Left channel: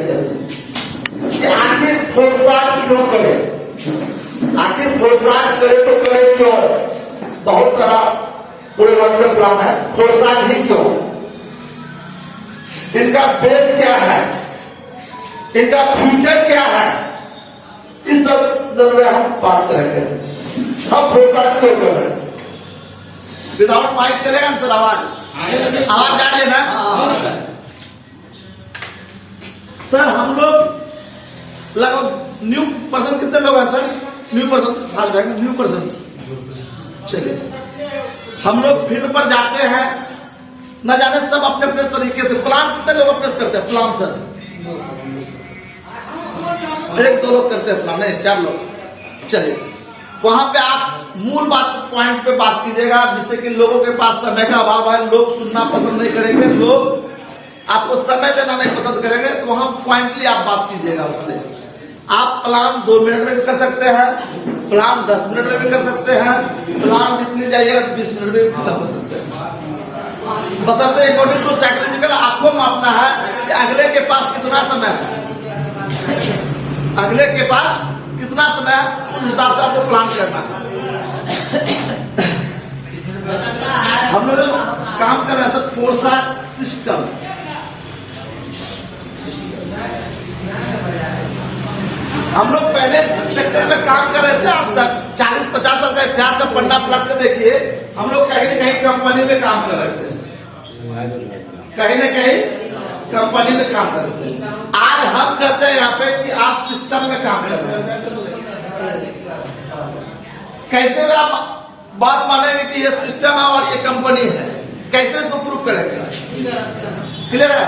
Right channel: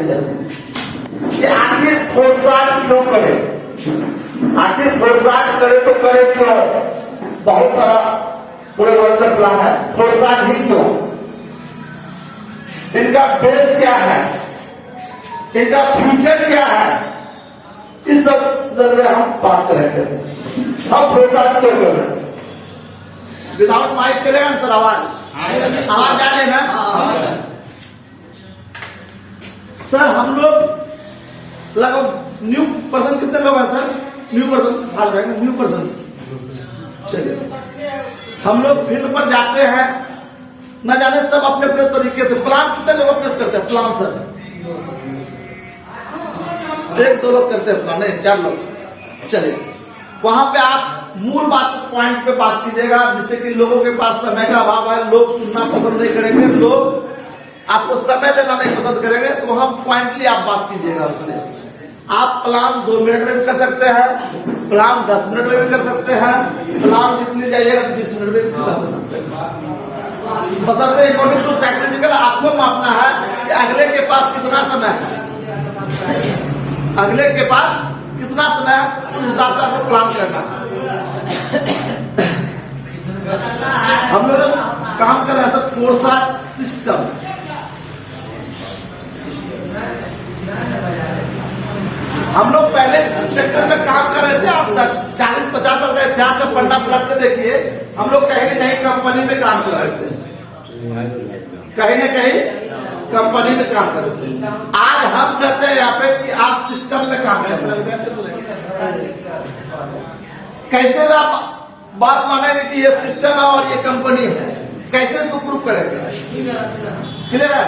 कि आखिर खोजबाज क्यों करे, आखिर खोजबाज करे तो करे क्यों। बहुत सारा पूरे वर्ल्ड में प्लान है, खोजबाज ही क्यों, इनका बेस क्या है, इनका फ्यूचर क्या है, इस सब जरूर हम बात करेंगे। हम खोजबाज क्यों करें। विदाउट माइक चलेगा सर, आवाज आ लेना। सर हम लोग लगभग न्यू पर्सन कितने लोग हैं सर, न्यू पर्सन हाल जाएगा, न्यू पर्सन। चलिए हम लोग फील्ड पर जाते हैं, न जाने सब अपने अपने तरीके से। प्लान कितने लोग अपने से करते हैं प्लान सर, एक दो लोग करते हैं प्लान, नहीं 4 लोग। चलिए वहां पे आप मूल बात पॉइंट पे बात कीजिएगा, जिससे कि लोगों के पास समय का अभाव है, लोग सुनना पसंद नहीं करेंगे, लोग आपको समय देना नहीं पसंद करेंगे, तो वहां पॉइंटली आप बात कीजिएगा उससे। आप प्लान 2 मिनट में भी कर सकते हैं, प्लान 10 मिनट में भी कर सकते हैं, प्लान जितनी जाइएगा 20 मिनट में भी खत्म कर सकते हैं। बशर्ते अकॉर्डिंग टू साइकोलॉजिकल आपको मापना है कि अगले के पास कितना समय है, अगले के पास कितना समय है, उस हिसाब से आपको प्लान करना है। हम लोग काम कर रहे हैं सर कोर्सा सिस्टम। हम लोग पहले जिस सेक्टर में काम कर रहे थे आज तक 40-50 साल का इतिहास का पन्ना पलट के देखिए, हम लोग कहीं न कहीं कंपनी में काम कर रहे थे, कहीं न कहीं कंपनी में काम कर रहे थे। आज हम कहते हैं यहाँ पे कि आप सिस्टम में काम कर रहे हैं। कैसे आप बात मानेंगे कि ये सिस्टम है और ये कंपनी है, कैसे इसको प्रूव करेंगे। क्लियर है।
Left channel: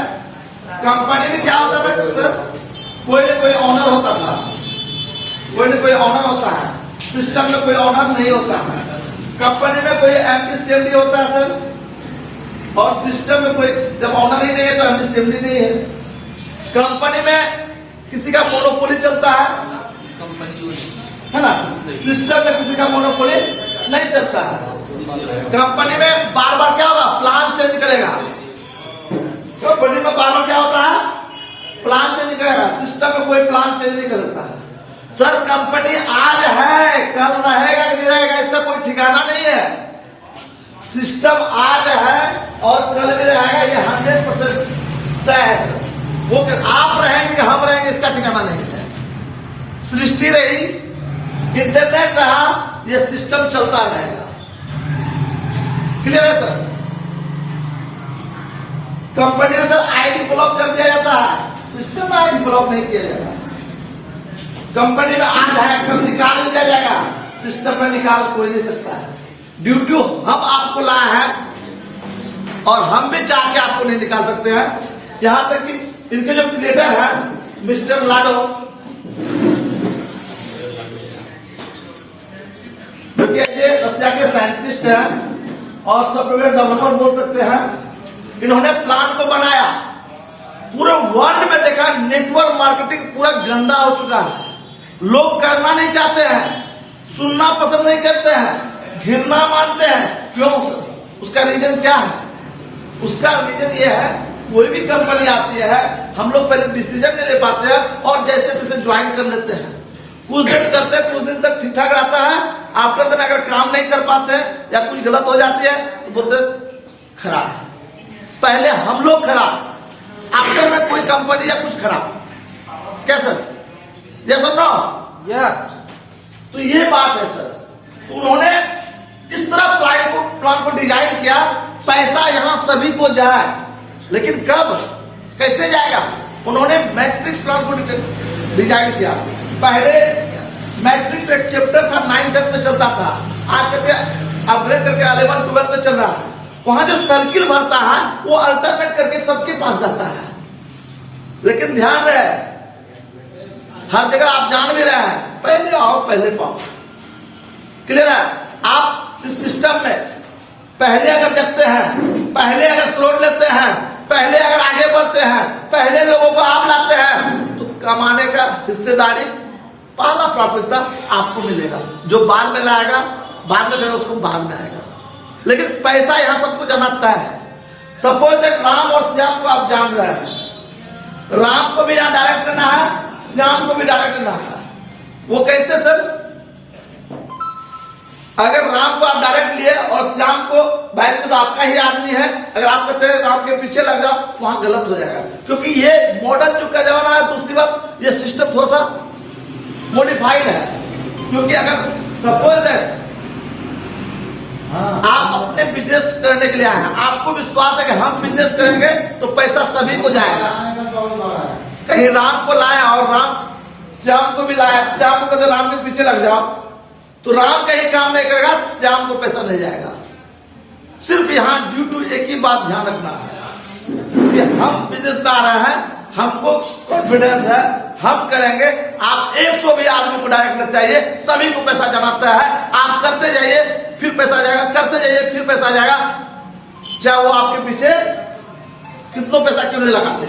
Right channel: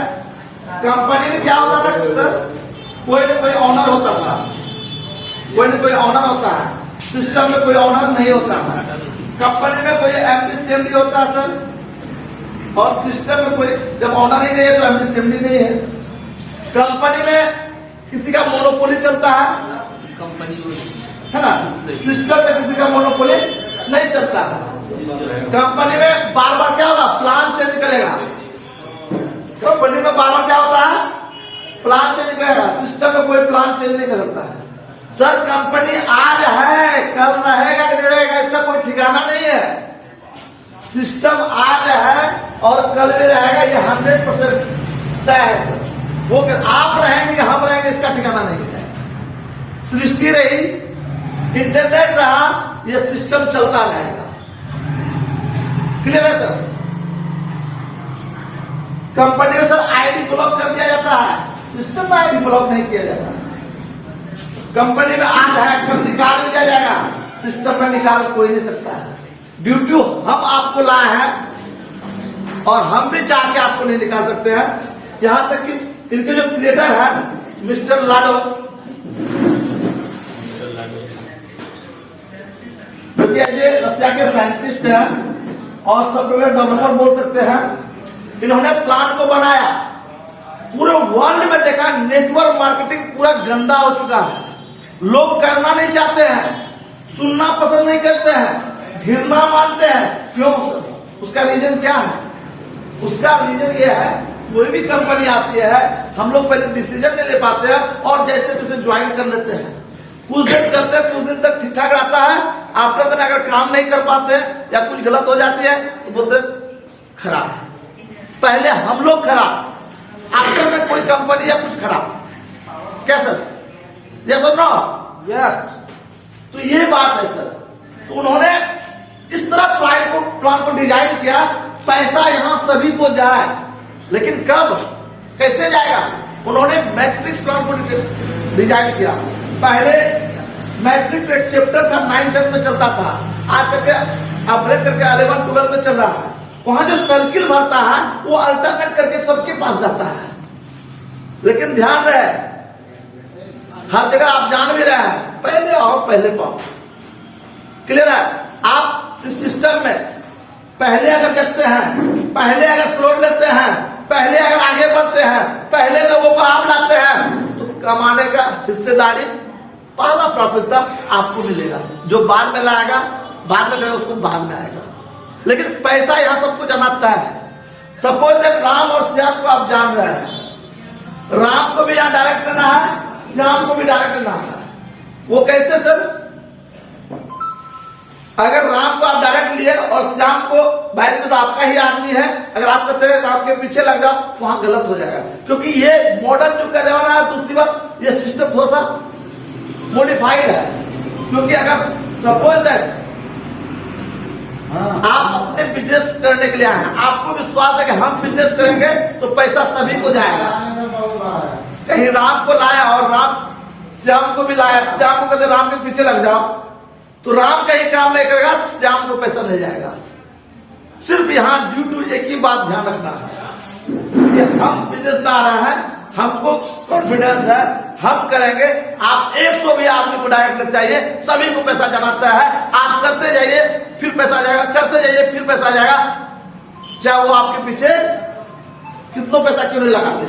कंपनी में क्या होता था सर, कोई न कोई ऑनर होता था, कोई न कोई ऑनर होता है, सिस्टम में कोई ऑनर नहीं होता है। कंपनी में कोई एमडी सीएमडी होता है सर, और सिस्टम में कोई जब ऑनर ही नहीं है तो एमडी सीएमडी नहीं है। कंपनी में किसी का मोनोपोली चलता है ना, सिस्टम में किसी का मोनोपोली नहीं चलता है। कंपनी में बार बार क्या होगा, प्लान चेंज करेगा। कंपनी में बार बार क्या होता है, प्लान चेंज करेगा। सिस्टम में कोई प्लान चेंज नहीं कर सकता है सर। कंपनी आज है, कल रहेगा कि नहीं रहेगा इसका कोई ठिकाना नहीं है। सिस्टम आज है और कल भी रहेगा, ये 100% तय है सर। वो आप रहेंगे कि हम रहेंगे इसका ठिकाना नहीं है। सृष्टि रही, इंटरनेट रहा, ये सिस्टम चलता रहेगा। क्लियर है सर। कंपनी में सर आईडी ब्लॉक कर दिया जाता है, सिस्टम में आईडी ब्लॉक नहीं किया जाता। कंपनी में आज है, कल निकाल दिया जाएगा, सिस्टम में निकाल कोई नहीं सकता है। ड्यूटी हम आपको लाए हैं और हम भी चाह के आपको नहीं निकाल सकते हैं। यहां तक कि इनके जो क्रिएटर है मिस्टर लाडो, जो कि ये रशिया के साइंटिस्ट हैं और सॉफ्टवेयर डेवलपर बोल सकते हैं। इन्होंने प्लान को बनाया, पूरे वर्ल्ड में देखा नेटवर्क मार्केटिंग पूरा गंदा हो चुका है। लोग करना नहीं चाहते हैं, सुनना पसंद नहीं करते हैं, घृणा मानते हैं। क्यों? उसका रीजन क्या है? उसका रीजन ये है, कोई भी कंपनी आती है, हम लोग पहले डिसीजन नहीं ले पाते हैं और जैसे तैसे ज्वाइन कर लेते हैं। कुछ दिन करते हैं, कुछ दिन तक ठीक ठाक रहता है, आफ्टर दिन अगर काम नहीं कर पाते या कुछ गलत हो जाती है तो बोलते खराब। पहले हम लोग खराब, आफ्टर में कोई कंपनी या कुछ खराब। क्या सर? यस और नो? यस। तो ये बात है सर। तो उन्होंने इस तरह प्लान को डिजाइन किया, पैसा यहां सभी को जाए, लेकिन कब कैसे जाएगा? उन्होंने मैट्रिक्स प्लान को डिजाइन किया। पहले मैट्रिक्स एक चैप्टर था, 9-10 में चलता था, आज करके अपग्रेड करके 11-12 में चल रहा है। वहां जो सर्किल भरता है वो अल्टरनेट करके सबके पास जाता है। लेकिन ध्यान रहे, हर जगह आप जान भी रहे हैं, पहले आओ पहले पाओ। क्लियर है। आप इस सिस्टम में पहले अगर देखते हैं, पहले अगर स्लोट लेते हैं, पहले अगर आगे बढ़ते हैं, पहले लोगों को आप लाते हैं, तो कमाने का हिस्सेदारी, पहला प्राथमिकता आपको मिलेगा। जो बाद में लाएगा, बाद में करेगा, उसको बाद में आएगा। लेकिन पैसा यहां सबको जनाता है। सपोज दैट राम और श्याम को आप जान रहे हैं, राम को भी यहाँ डायरेक्ट लेना है, श्याम को भी डायरेक्ट लेना है। वो कैसे सर? अगर राम को आप डायरेक्ट लिए और श्याम को बैलेंस तो आपका ही आदमी है, अगर आप कहते हैं राम के पीछे लग जाओ, वहां गलत हो जाएगा। क्योंकि ये मॉडर्न युग का जमाना है। दूसरी बात, ये सिस्टम थोड़ा सा मॉडिफाइड है। क्योंकि अगर सपोज दैट आप अपने बिजनेस करने के लिए आए हैं, आपको विश्वास है कि हम बिजनेस करेंगे तो पैसा सभी को जाएगा। कहीं राम को लाया और राम श्याम को भी लाया, श्याम को कहते राम के पीछे लग जाओ, तो राम कहीं काम नहीं करेगा, श्याम को पैसा नहीं जाएगा। सिर्फ यहाँ ड्यू टू एक ही बात ध्यान रखना है कि हम बिजनेस में आ रहे हैं, हमको कॉन्फिडेंस है, हम करेंगे। आप 100 भी आदमी को डायरेक्ट लेते आइए, सभी को पैसा जमाता है। आप करते जाइए, फिर पैसा जाएगा, करते जाइए, फिर पैसा जाएगा। चाहे वो आपके पीछे कितना पैसा क्यों नहीं लगाते,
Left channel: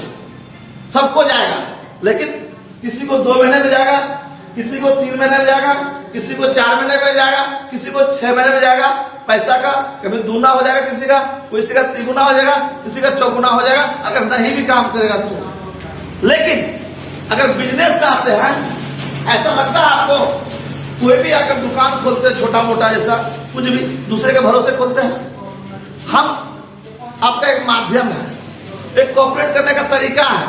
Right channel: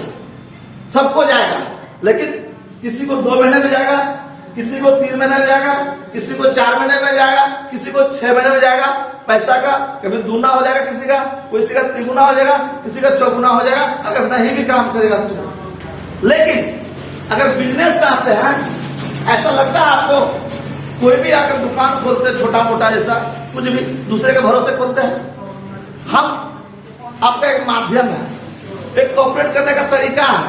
सबको जाएगा। लेकिन किसी को 2 महीने में जाएगा, किसी को 3 महीने में जाएगा, किसी को 4 महीने में जाएगा, किसी को 6 महीने में जाएगा। पैसा का कभी दूना हो जाएगा, किसी का का 3 गुना हो जाएगा, किसी का 4 गुना हो जाएगा, अगर नहीं भी काम करेगा तो। लेकिन अगर बिजनेस में आते हैं, ऐसा लगता है आपको, कोई भी आकर दुकान खोलते हैं, छोटा मोटा ऐसा कुछ भी दूसरे के भरोसे खोलते हैं। हम आपका एक माध्यम है, एक कॉपरेट करने का तरीका है,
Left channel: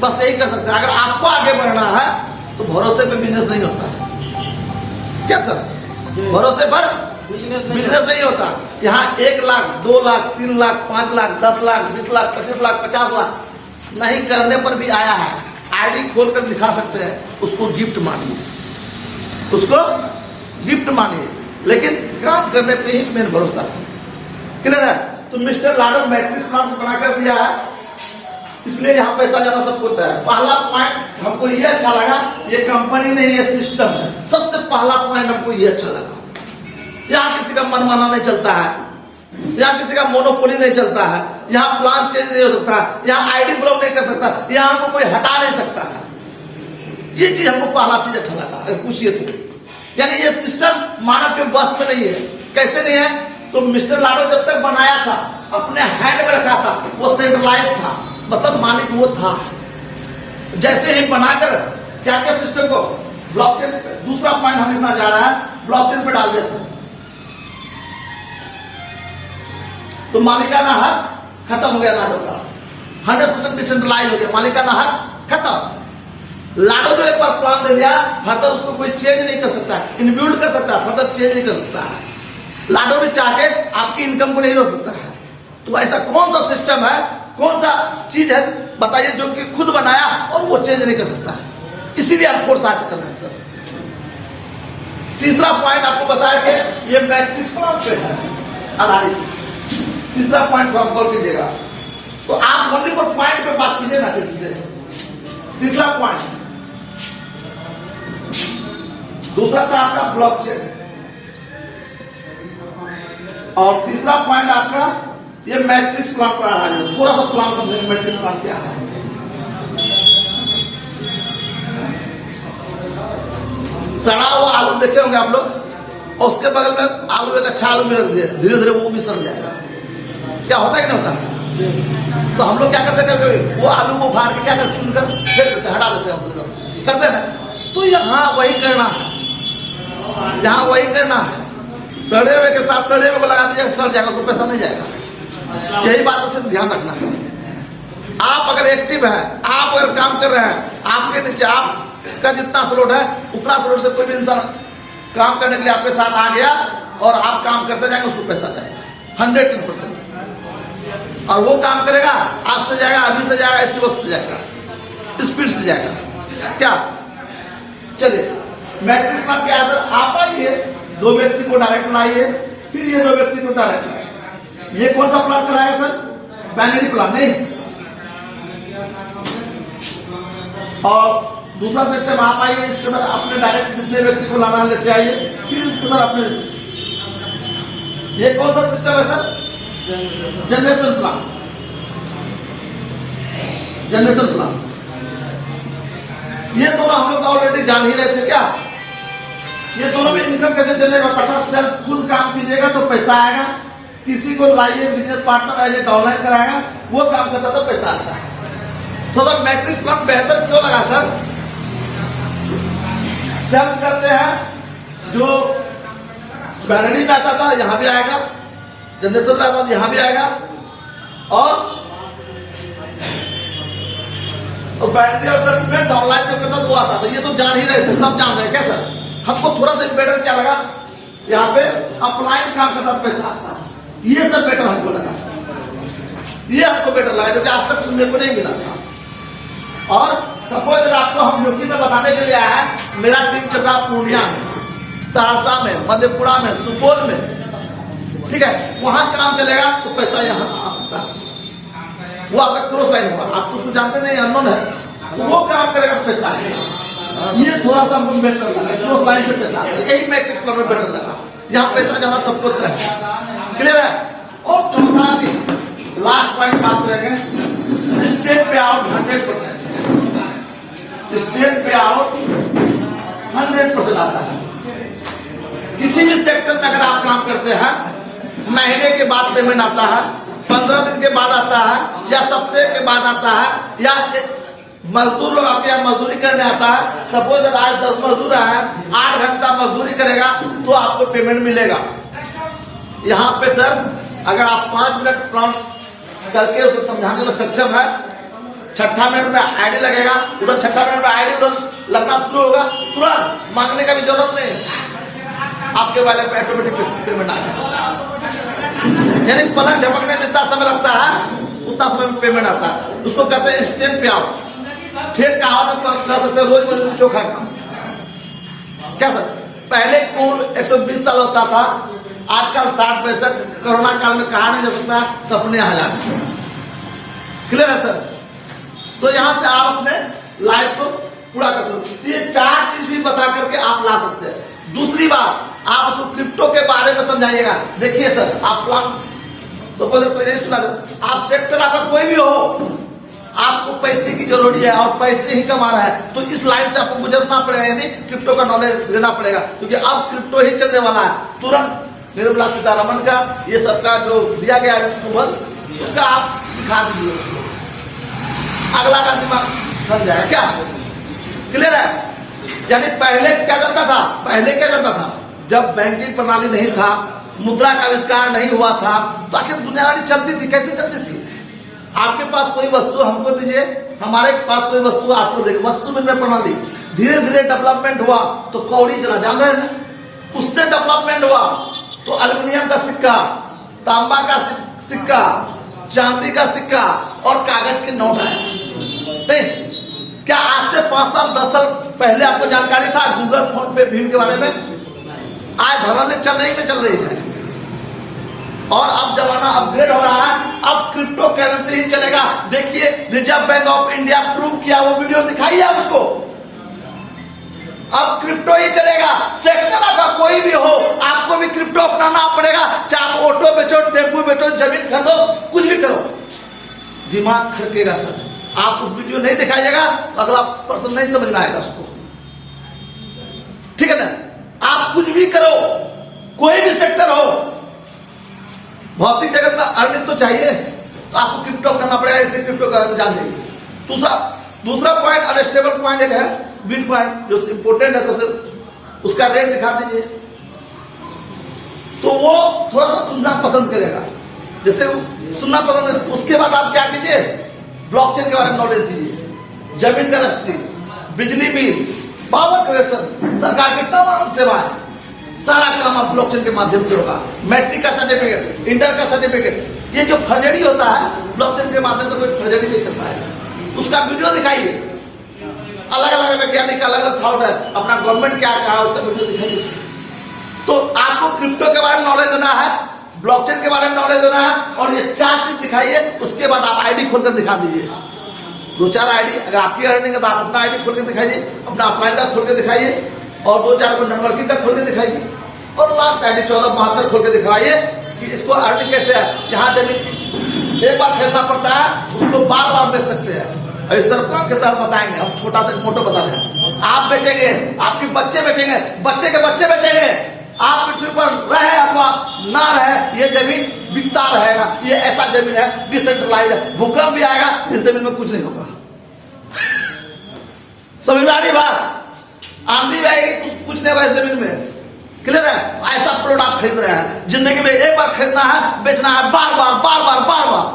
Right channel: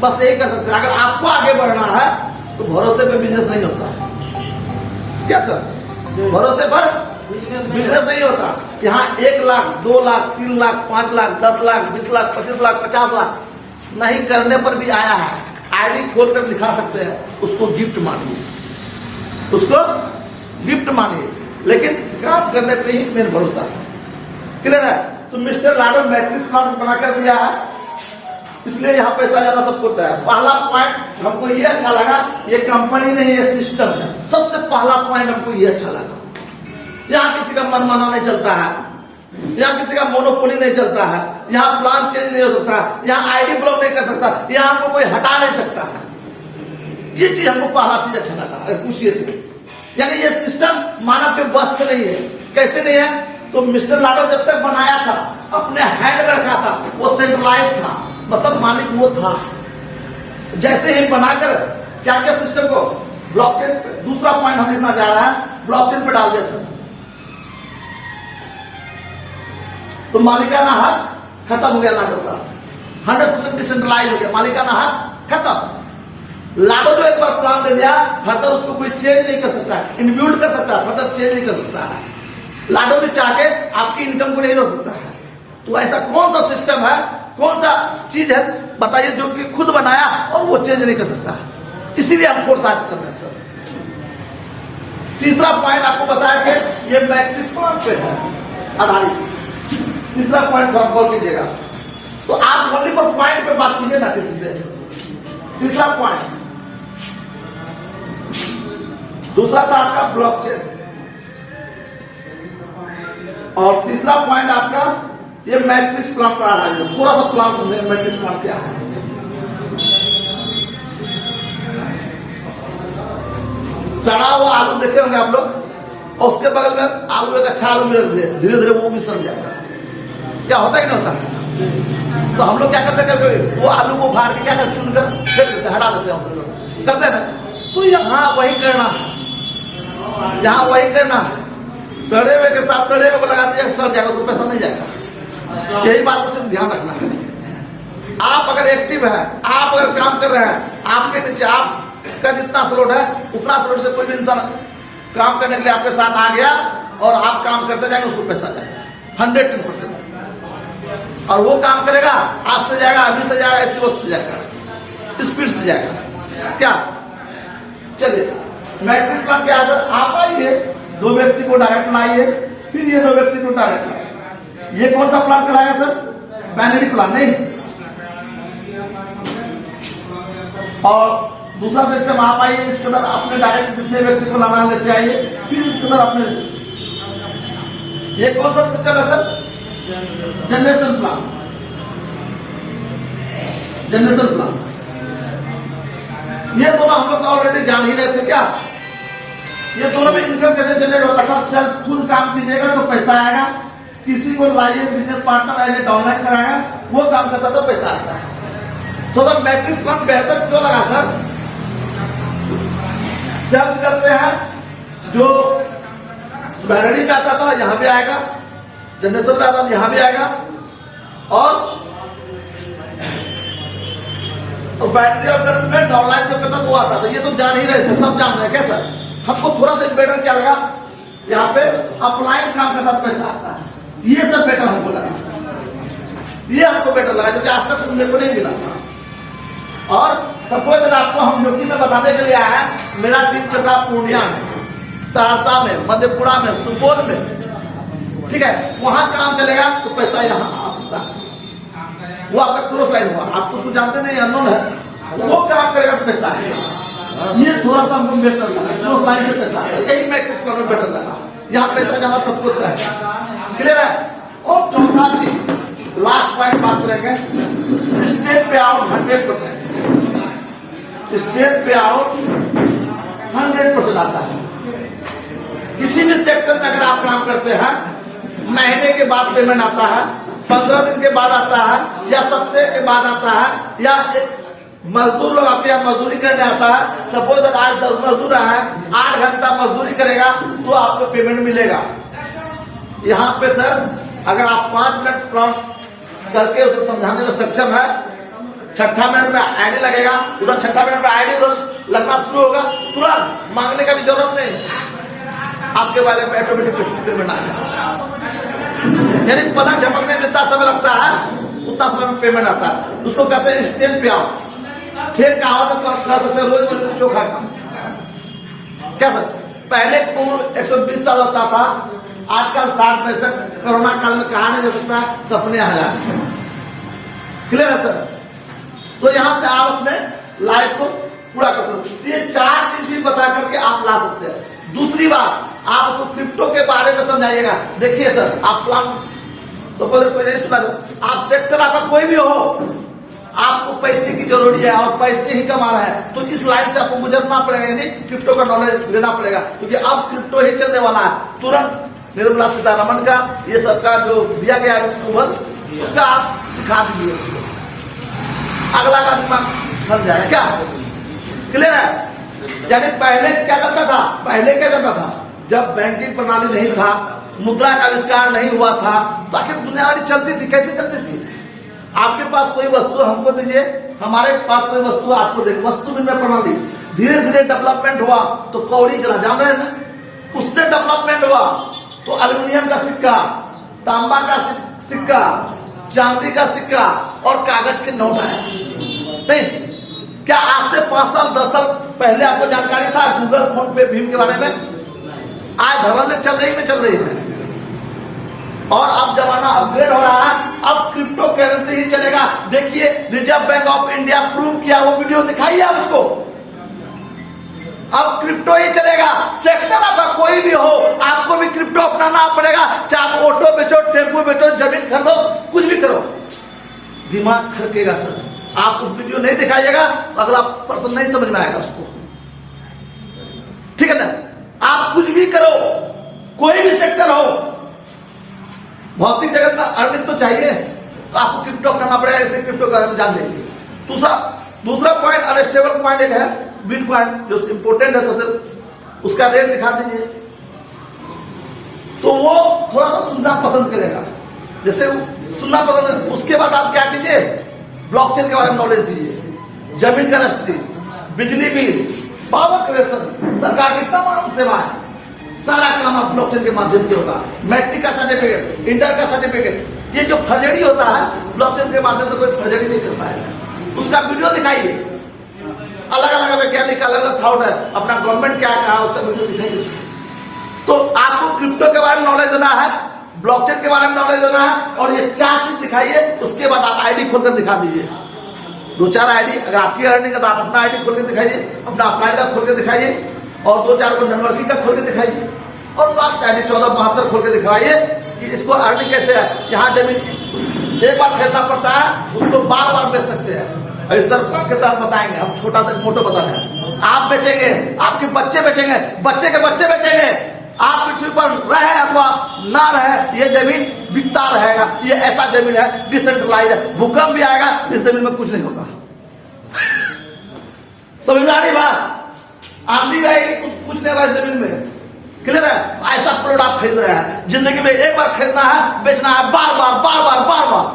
बस यही कर सकते हैं। अगर आपको आगे बढ़ना है तो भरोसे पे बिजनेस नहीं होता है। क्या सर? भरोसे पर बिजनेस नहीं होता। यहाँ 1 लाख, 2 लाख, 3 लाख, 5 लाख, 10 लाख, 20 लाख, 25 लाख, 50 लाख नहीं करने पर भी आया है। आईडी खोलकर दिखा सकते हैं, उसको गिफ्ट मानिए, उसको गिफ्ट मानिए, लेकिन काम करने पे ही मेन भरोसा है। क्लियर है? तो मिस्टर लाडो मैट्रिक्स प्लान बनाकर दिया है, इसलिए यहाँ पैसा जाना सबको होता है। पहला पॉइंट हमको ये अच्छा लगा, ये कंपनी नहीं, ये सिस्टम है। सबसे पहला पॉइंट हमको ये अच्छा लगा। यहाँ किसी का मनमाना नहीं चलता है, यहाँ किसी का मोनोपोली नहीं चलता है, यहाँ प्लान चेंज नहीं हो सकता है, यहाँ आईडी ब्लॉक नहीं कर सकता, यहाँ हमको कोई हटा नहीं सकता है। ये चीज हमको पहला चीज अच्छा लगा। अगर पूछिए तो यानी ये सिस्टम मानव के बस में नहीं है। कैसे नहीं है? तो मिस्टर लाडो जब तक बनाया था, अपने हैंड में रखा था, वो सेंट्रलाइज था, मतलब मालिक वो था। जैसे ही बनाकर क्या क्या सिस्टम को ब्लॉकचेन पे, दूसरा पॉइंट हम लिखना जा रहा है, ब्लॉकचेन पे डाल दिया सर, तो मालिकाना हक खत्म हो गया लाडो का। 100% डिसेंट्रलाइज हो गया, मालिकाना हक खत्म। लाडो जो एक बार प्लान दे दिया, फर्दर उसको कोई चेंज नहीं कर सकता है, इनबिल्ड कर सकता है, फर्दर चेंज नहीं कर सकता है। लाडो भी चाह के आपकी इनकम को नहीं रोक सकता है। तो ऐसा कौन सा सिस्टम है, कौन सा चीज है बताइए जो कि खुद बनाया और वो चेंज नहीं कर सकता है? इसीलिए हम फोर्स आज कर रहे हैं सर। तीसरा पॉइंट आपको बताया कि ये मैट्रिक्स प्लान पे है आधारित। तीसरा पॉइंट आप गौर कीजिएगा, तो आप ओनली फॉर पॉइंट पे बात कीजिए ना किसी से। तीसरा पॉइंट, दूसरा था आपका ब्लॉकचेन, और तीसरा पॉइंट आपका ये मैट्रिक्स प्लान पर आधारित है। थोड़ा सा प्लान समझेंगे मैट्रिक्स प्लान क्या है। सड़ा हुआ आलू देखे होंगे आप लोग, और उसके बगल में आलू, एक अच्छा आलू भी रख दिए, धीरे धीरे वो भी सड़ जाएगा। क्या होता है कि नहीं होता? तो हम लोग क्या करते हैं, कभी वो आलू को फाड़ के क्या करते, चुनकर फेंक देते हैं, हटा देते हैं, उससे करते हैं ना। तो यहाँ वही करना है, यहाँ वही करना है। सड़े हुए के साथ सड़े हुए को लगा दीजिए, सड़ जाएगा, उसको पैसा नहीं जाएगा। यही बात से ध्यान रखना है। आप अगर एक्टिव है, आप अगर काम कर रहे हैं, आपके नीचे आपका जितना स्लोट है उतना स्लोट से कोई भी इंसान काम करने के लिए आपके साथ आ गया और आप काम करते जाएंगे, उसको पैसा जाएगा 110%। और वो काम करेगा, आज से जाएगा, अभी से जाएगा, इसी वक्त से जाएगा, स्पीड से जाएगा। क्या? चलिए मैट्रिक्स प्लान के आधार आप आइए, 2 व्यक्ति को डायरेक्ट लाइए, फिर ये 2 व्यक्ति को डायरेक्ट लाइए। ये कौन सा प्लान कराएगा सर? बाइनरी प्लान नहीं। और दूसरा सिस्टम आप आइए, इसके अंदर अपने डायरेक्ट जितने व्यक्ति को लाना लेते आइए, फिर इसके अंदर अपने। ये कौन सा सिस्टम है sir? Generation plan. Generation plan ये दोनों हम लोग ऑलरेडी जान ही रहे थे। क्या ये दोनों में इनकम कैसे जनरेट होता था? सेल्फ खुद काम कीजिएगा तो पैसा आएगा, किसी को लाइए बिजनेस पार्टनर आइए, ऑनलाइन कराएगा, वो काम करता तो पैसा आता है। थोड़ा मैट्रिक्स प्लान बेहतर क्यों लगा सर? सेल करते हैं जो बैटरी में आता था यहां भी आएगा, जनरेशन में आता था यहां भी आएगा, और बैटरी और सेल में डाउनलाइन जो करता था वो आता था। ये तो जान ही रहे थे, सब जान रहे हैं क्या सर? हमको थोड़ा सा बेटर क्या लगा, यहाँ पे अपलाइन काम करता था पैसा आता है, ये सब बेटर हमको लगा, ये हमको बेटर लगा जो कि आज तक सुनने को नहीं मिला था। और सपोज अगर आपको हम न्योटी में बताने के लिए आया है, मेरा टीम चल रहा पूर्णिया में, सहरसा में, मधेपुरा में, सुपौल में, ठीक है, वहां काम चलेगा तो पैसा यहाँ आ सकता है। वो आपका क्रॉस लाइन होगा, आप उसको जानते नहीं, अननोन है, वो काम करेगा तो पैसा आएगा। ये थोड़ा सा मूवमेंट कर रहा है, क्रॉस लाइन से पैसा आएगा, यही मैट्रिक्स प्लान में बेटर लगा, यहाँ पैसा जाना सबको तय है, क्लियर है। और चौथा चीज लास्ट पॉइंट बात करेंगे, स्टेट पे आउट 100%, स्टेट पे आउट 100% आता है। किसी भी सेक्टर में अगर आप काम करते हैं, महीने के बाद पेमेंट आता है, 15 दिन के बाद आता है, या सप्ताह के बाद आता है, या मजदूर लोग आपके यहाँ मजदूरी करने आता है, सपोज आज 10 मजदूर है, 8 घंटा मजदूरी करेगा तो आपको पेमेंट मिलेगा। यहाँ पे सर अगर आप 5 मिनट काउंट करके उसको समझाने में सक्षम है, छठा मिनट में आईडी लगेगा, उधर छठा मिनट में आईडी उधर लगना शुरू होगा, तुरंत मांगने का भी जरूरत नहीं, आपके वाले पे ऑटोमेटिक पेमेंट आ जाएगा। यानी पलंग झपकने में जितना समय लगता है उतना समय में पेमेंट आता है, उसको कहते हैं इंस्टेंट पे आउट। फिर कहा कह सकते हैं रोज मजदूरी चोखा काम, क्या सर? पहले उम्र 120 साल होता था, आजकल 60-65, कोरोना काल में कहा नहीं जा सकता, सपने आ जाते। क्लियर है सर? तो यहां से आप अपने लाइफ को पूरा कर सकते, ये 4 चीज भी बता करके आप ला सकते हैं। दूसरी बात, आप उसको क्रिप्टो के बारे में समझाइएगा। देखिए सर, आप प्लान तो कोई नहीं सुना, आप सेक्टर आपका कोई भी हो, आपको पैसे की जरूरी है और पैसे ही कमा रहा है, तो इस लाइन से आपको गुजरना पड़ेगा, यानी क्रिप्टो का नॉलेज लेना पड़ेगा, क्योंकि अब क्रिप्टो ही चलने वाला है। तुरंत निर्मला सीतारमण का ये सबका जो दिया गया अप्रूवल, उसका आप दिखा दीजिए, अगला का दिमाग समझाए क्या? क्लियर है? यानी पहले क्या करता था, पहले क्या करता था, जब बैंकिंग प्रणाली नहीं था, मुद्रा का आविष्कार नहीं हुआ था, तो आखिर दुनियादारी चलती थी, कैसे चलती थी? आपके पास कोई वस्तु हमको दीजिए, हमारे पास कोई वस्तु आपको दे, वस्तु विनिमय प्रणाली धीरे धीरे डेवलपमेंट हुआ तो कौड़ी चला, जान रहे हैं ना? उससे डेवलपमेंट हुआ तो एल्युमिनियम का सिक्का, तांबा का सिक्का, चांदी का सिक्का और कागज के नोट है। नहीं क्या आज से 5 साल 10 साल पहले आपको जानकारी था गूगल, फोन पे, भीम के बारे में? आज धड़ल्ले चल रही है। और अब जमाना अपग्रेड हो रहा है, अब क्रिप्टो करेंसी ही चलेगा। देखिए reserve bank of India prove किया, वो वीडियो दिखाइए आप उसको। अब क्रिप्टो ही चलेगा, सेक्टर आपका कोई भी हो, आपको भी क्रिप्टो अपनाना पड़ेगा। चाहे आप ऑटो बेचो, टेम्पो बेचो, जमीन खरीदो, कुछ भी करो, दिमाग खड़केगा सर। आप उस वीडियो नहीं दिखाइएगा, अगला पर्सन नहीं समझ में आएगा उसको, ठीक है ना? आप कुछ भी करो, कोई भी सेक्टर हो, भौतिक जगत में अर्निंग तो चाहिए, तो आपको क्रिप्टो करना पड़ेगा, इसलिए क्रिप्टो के बारे में जान लीजिए। दूसरा पॉइंट, अनस्टेबल पॉइंट एक है बिटकॉइन, जो इंपोर्टेंट है सबसे, उसका रेट दिखा दीजिए, तो वो थोड़ा सा सुनना पसंद करेगा। जैसे सुनना पसंद है, उसके बाद आप क्या कीजिए, ब्लॉकचेन के बारे में नॉलेज दीजिए, जमीन का रजिस्ट्री, बिजली बिल, पावर क्रिएशन, सरकार की तमाम सेवाएं, सारा काम आप ब्लॉकचेन के माध्यम से होगा। मैट्रिक का सर्टिफिकेट, इंटर का सर्टिफिकेट, ये जो फर्जरी होता है ब्लॉकचेन के माध्यम से कोई फर्जरी नहीं कर पाएगा। उसका वीडियो दिखाइए, अलग अलग वैज्ञानिक अलग अलग थॉट है, अपना गवर्नमेंट क्या कहा उसका वीडियो दिखाइए। तो आपको क्रिप्टो के बारे में नॉलेज देना है, ब्लॉकचेन के बारे में नॉलेज देना है, और ये 4 चीज दिखाइए। उसके बाद आप आईडी खोलकर दिखा दीजिए, 2-4 आईडी, अगर आपकी अर्निंग है तो आप अपना आईडी खोल के दिखाइए, अपना अपलाइन का खोल के दिखाइए, और 2-4 को नेटवर्किंग का खोल के दिखाइए, और लास्ट आईडी 1472 खोल के दिखाइए कि इसको अर्निंग कैसे है। यहाँ जमीन एक बार खरीदना पड़ता है, उसको बार बार बेच सकते हैं। अभी सर प्लान के तहत बताएंगे, हम छोटा सा फोटो बता रहे हैं। आप बेचेंगे, आपके बच्चे बेचेंगे, बच्चे के बच्चे बेचेंगे, आप पृथ्वी पर रहे अथवा ना रहे, ये जमीन बिकता रहेगा। ये ऐसा जमीन है डिसेंट्रलाइज है, भूकंप भी आएगा, इस जमीन में कुछ नहीं होगा। समझ में आ रही बात? आंधी जाएगी कुछ नहीं होगा जमीन में, क्लियर है? तो ऐसा प्लॉट आप खरीद रहे हैं, जिंदगी में एक बार खरीदना है, बेचना है बार बार बार बार बार बार,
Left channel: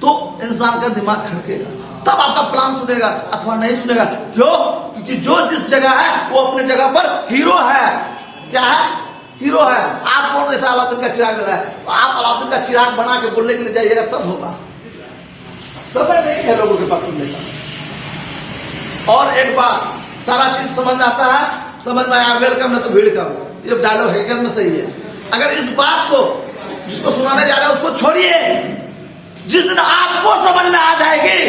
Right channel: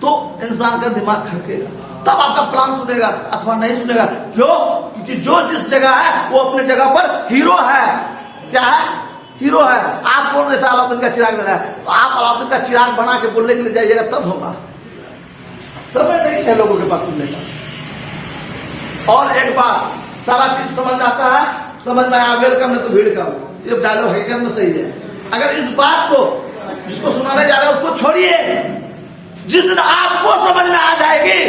तो इंसान का दिमाग खड़केगा, तब आपका प्लान सुनेगा अथवा नहीं सुनेगा। क्यों? क्योंकि जो जिस जगह है वो अपने जगह पर हीरो है। क्या है? हीरो है। आप कौन जैसा अलादीन का चिराग दे रहा है, तो आप अलादीन का चिराग बना के बोलने के लिए जाइएगा तब होगा। समय नहीं है लोगों के पास सुनने का। और एक बात, सारा चीज समझ में आता है, समझ में आया वेलकम नहीं तो भीड़ कम, ये डायलॉग हकीकत में सही है। अगर इस बात को जिसको सुनाने जा रहे हैं उसको छोड़िए, जिस दिन आपको समझ में आ जाएगी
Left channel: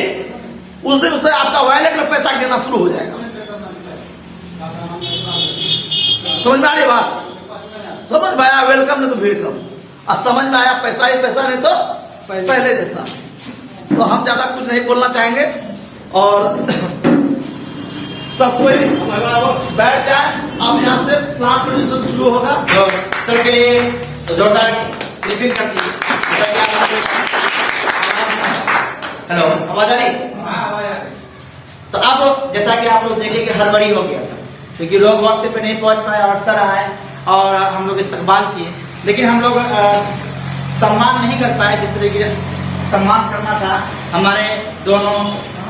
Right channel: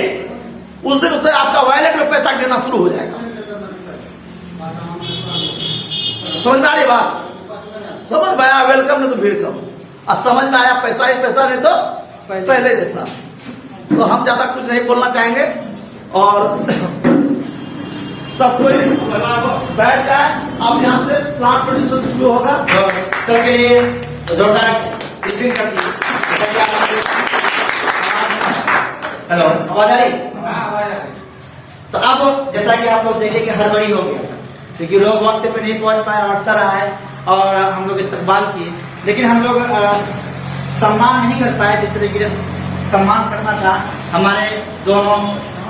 उस दिन से आपका वॉलेट में पैसा गिरना शुरू हो जाएगा। समझ में आ रही बात? समझ में आया वेलकम नहीं तो भीड़ कम, और समझ में आया पैसा ही पैसा नहीं तो पहले जैसा। तो हम ज्यादा कुछ नहीं बोलना चाहेंगे और सब कोई बैठ जाए। अब यहाँ से प्लांट प्रोड्यूसन शुरू होगा, तो सबके लिए जोरदार क्लिपिंग करती है। हेलो, आवाज आ रही? तो अब जैसा कि आप लोग देखें कि हड़बड़ी हो गया था, क्योंकि लोग वक्त पे नहीं पहुंच पाए, अवसर आए और हम लोग इस्तकबाल किए, लेकिन हम लोग सम्मान नहीं कर पाए जिस तरीके से सम्मान करना था हमारे दोनों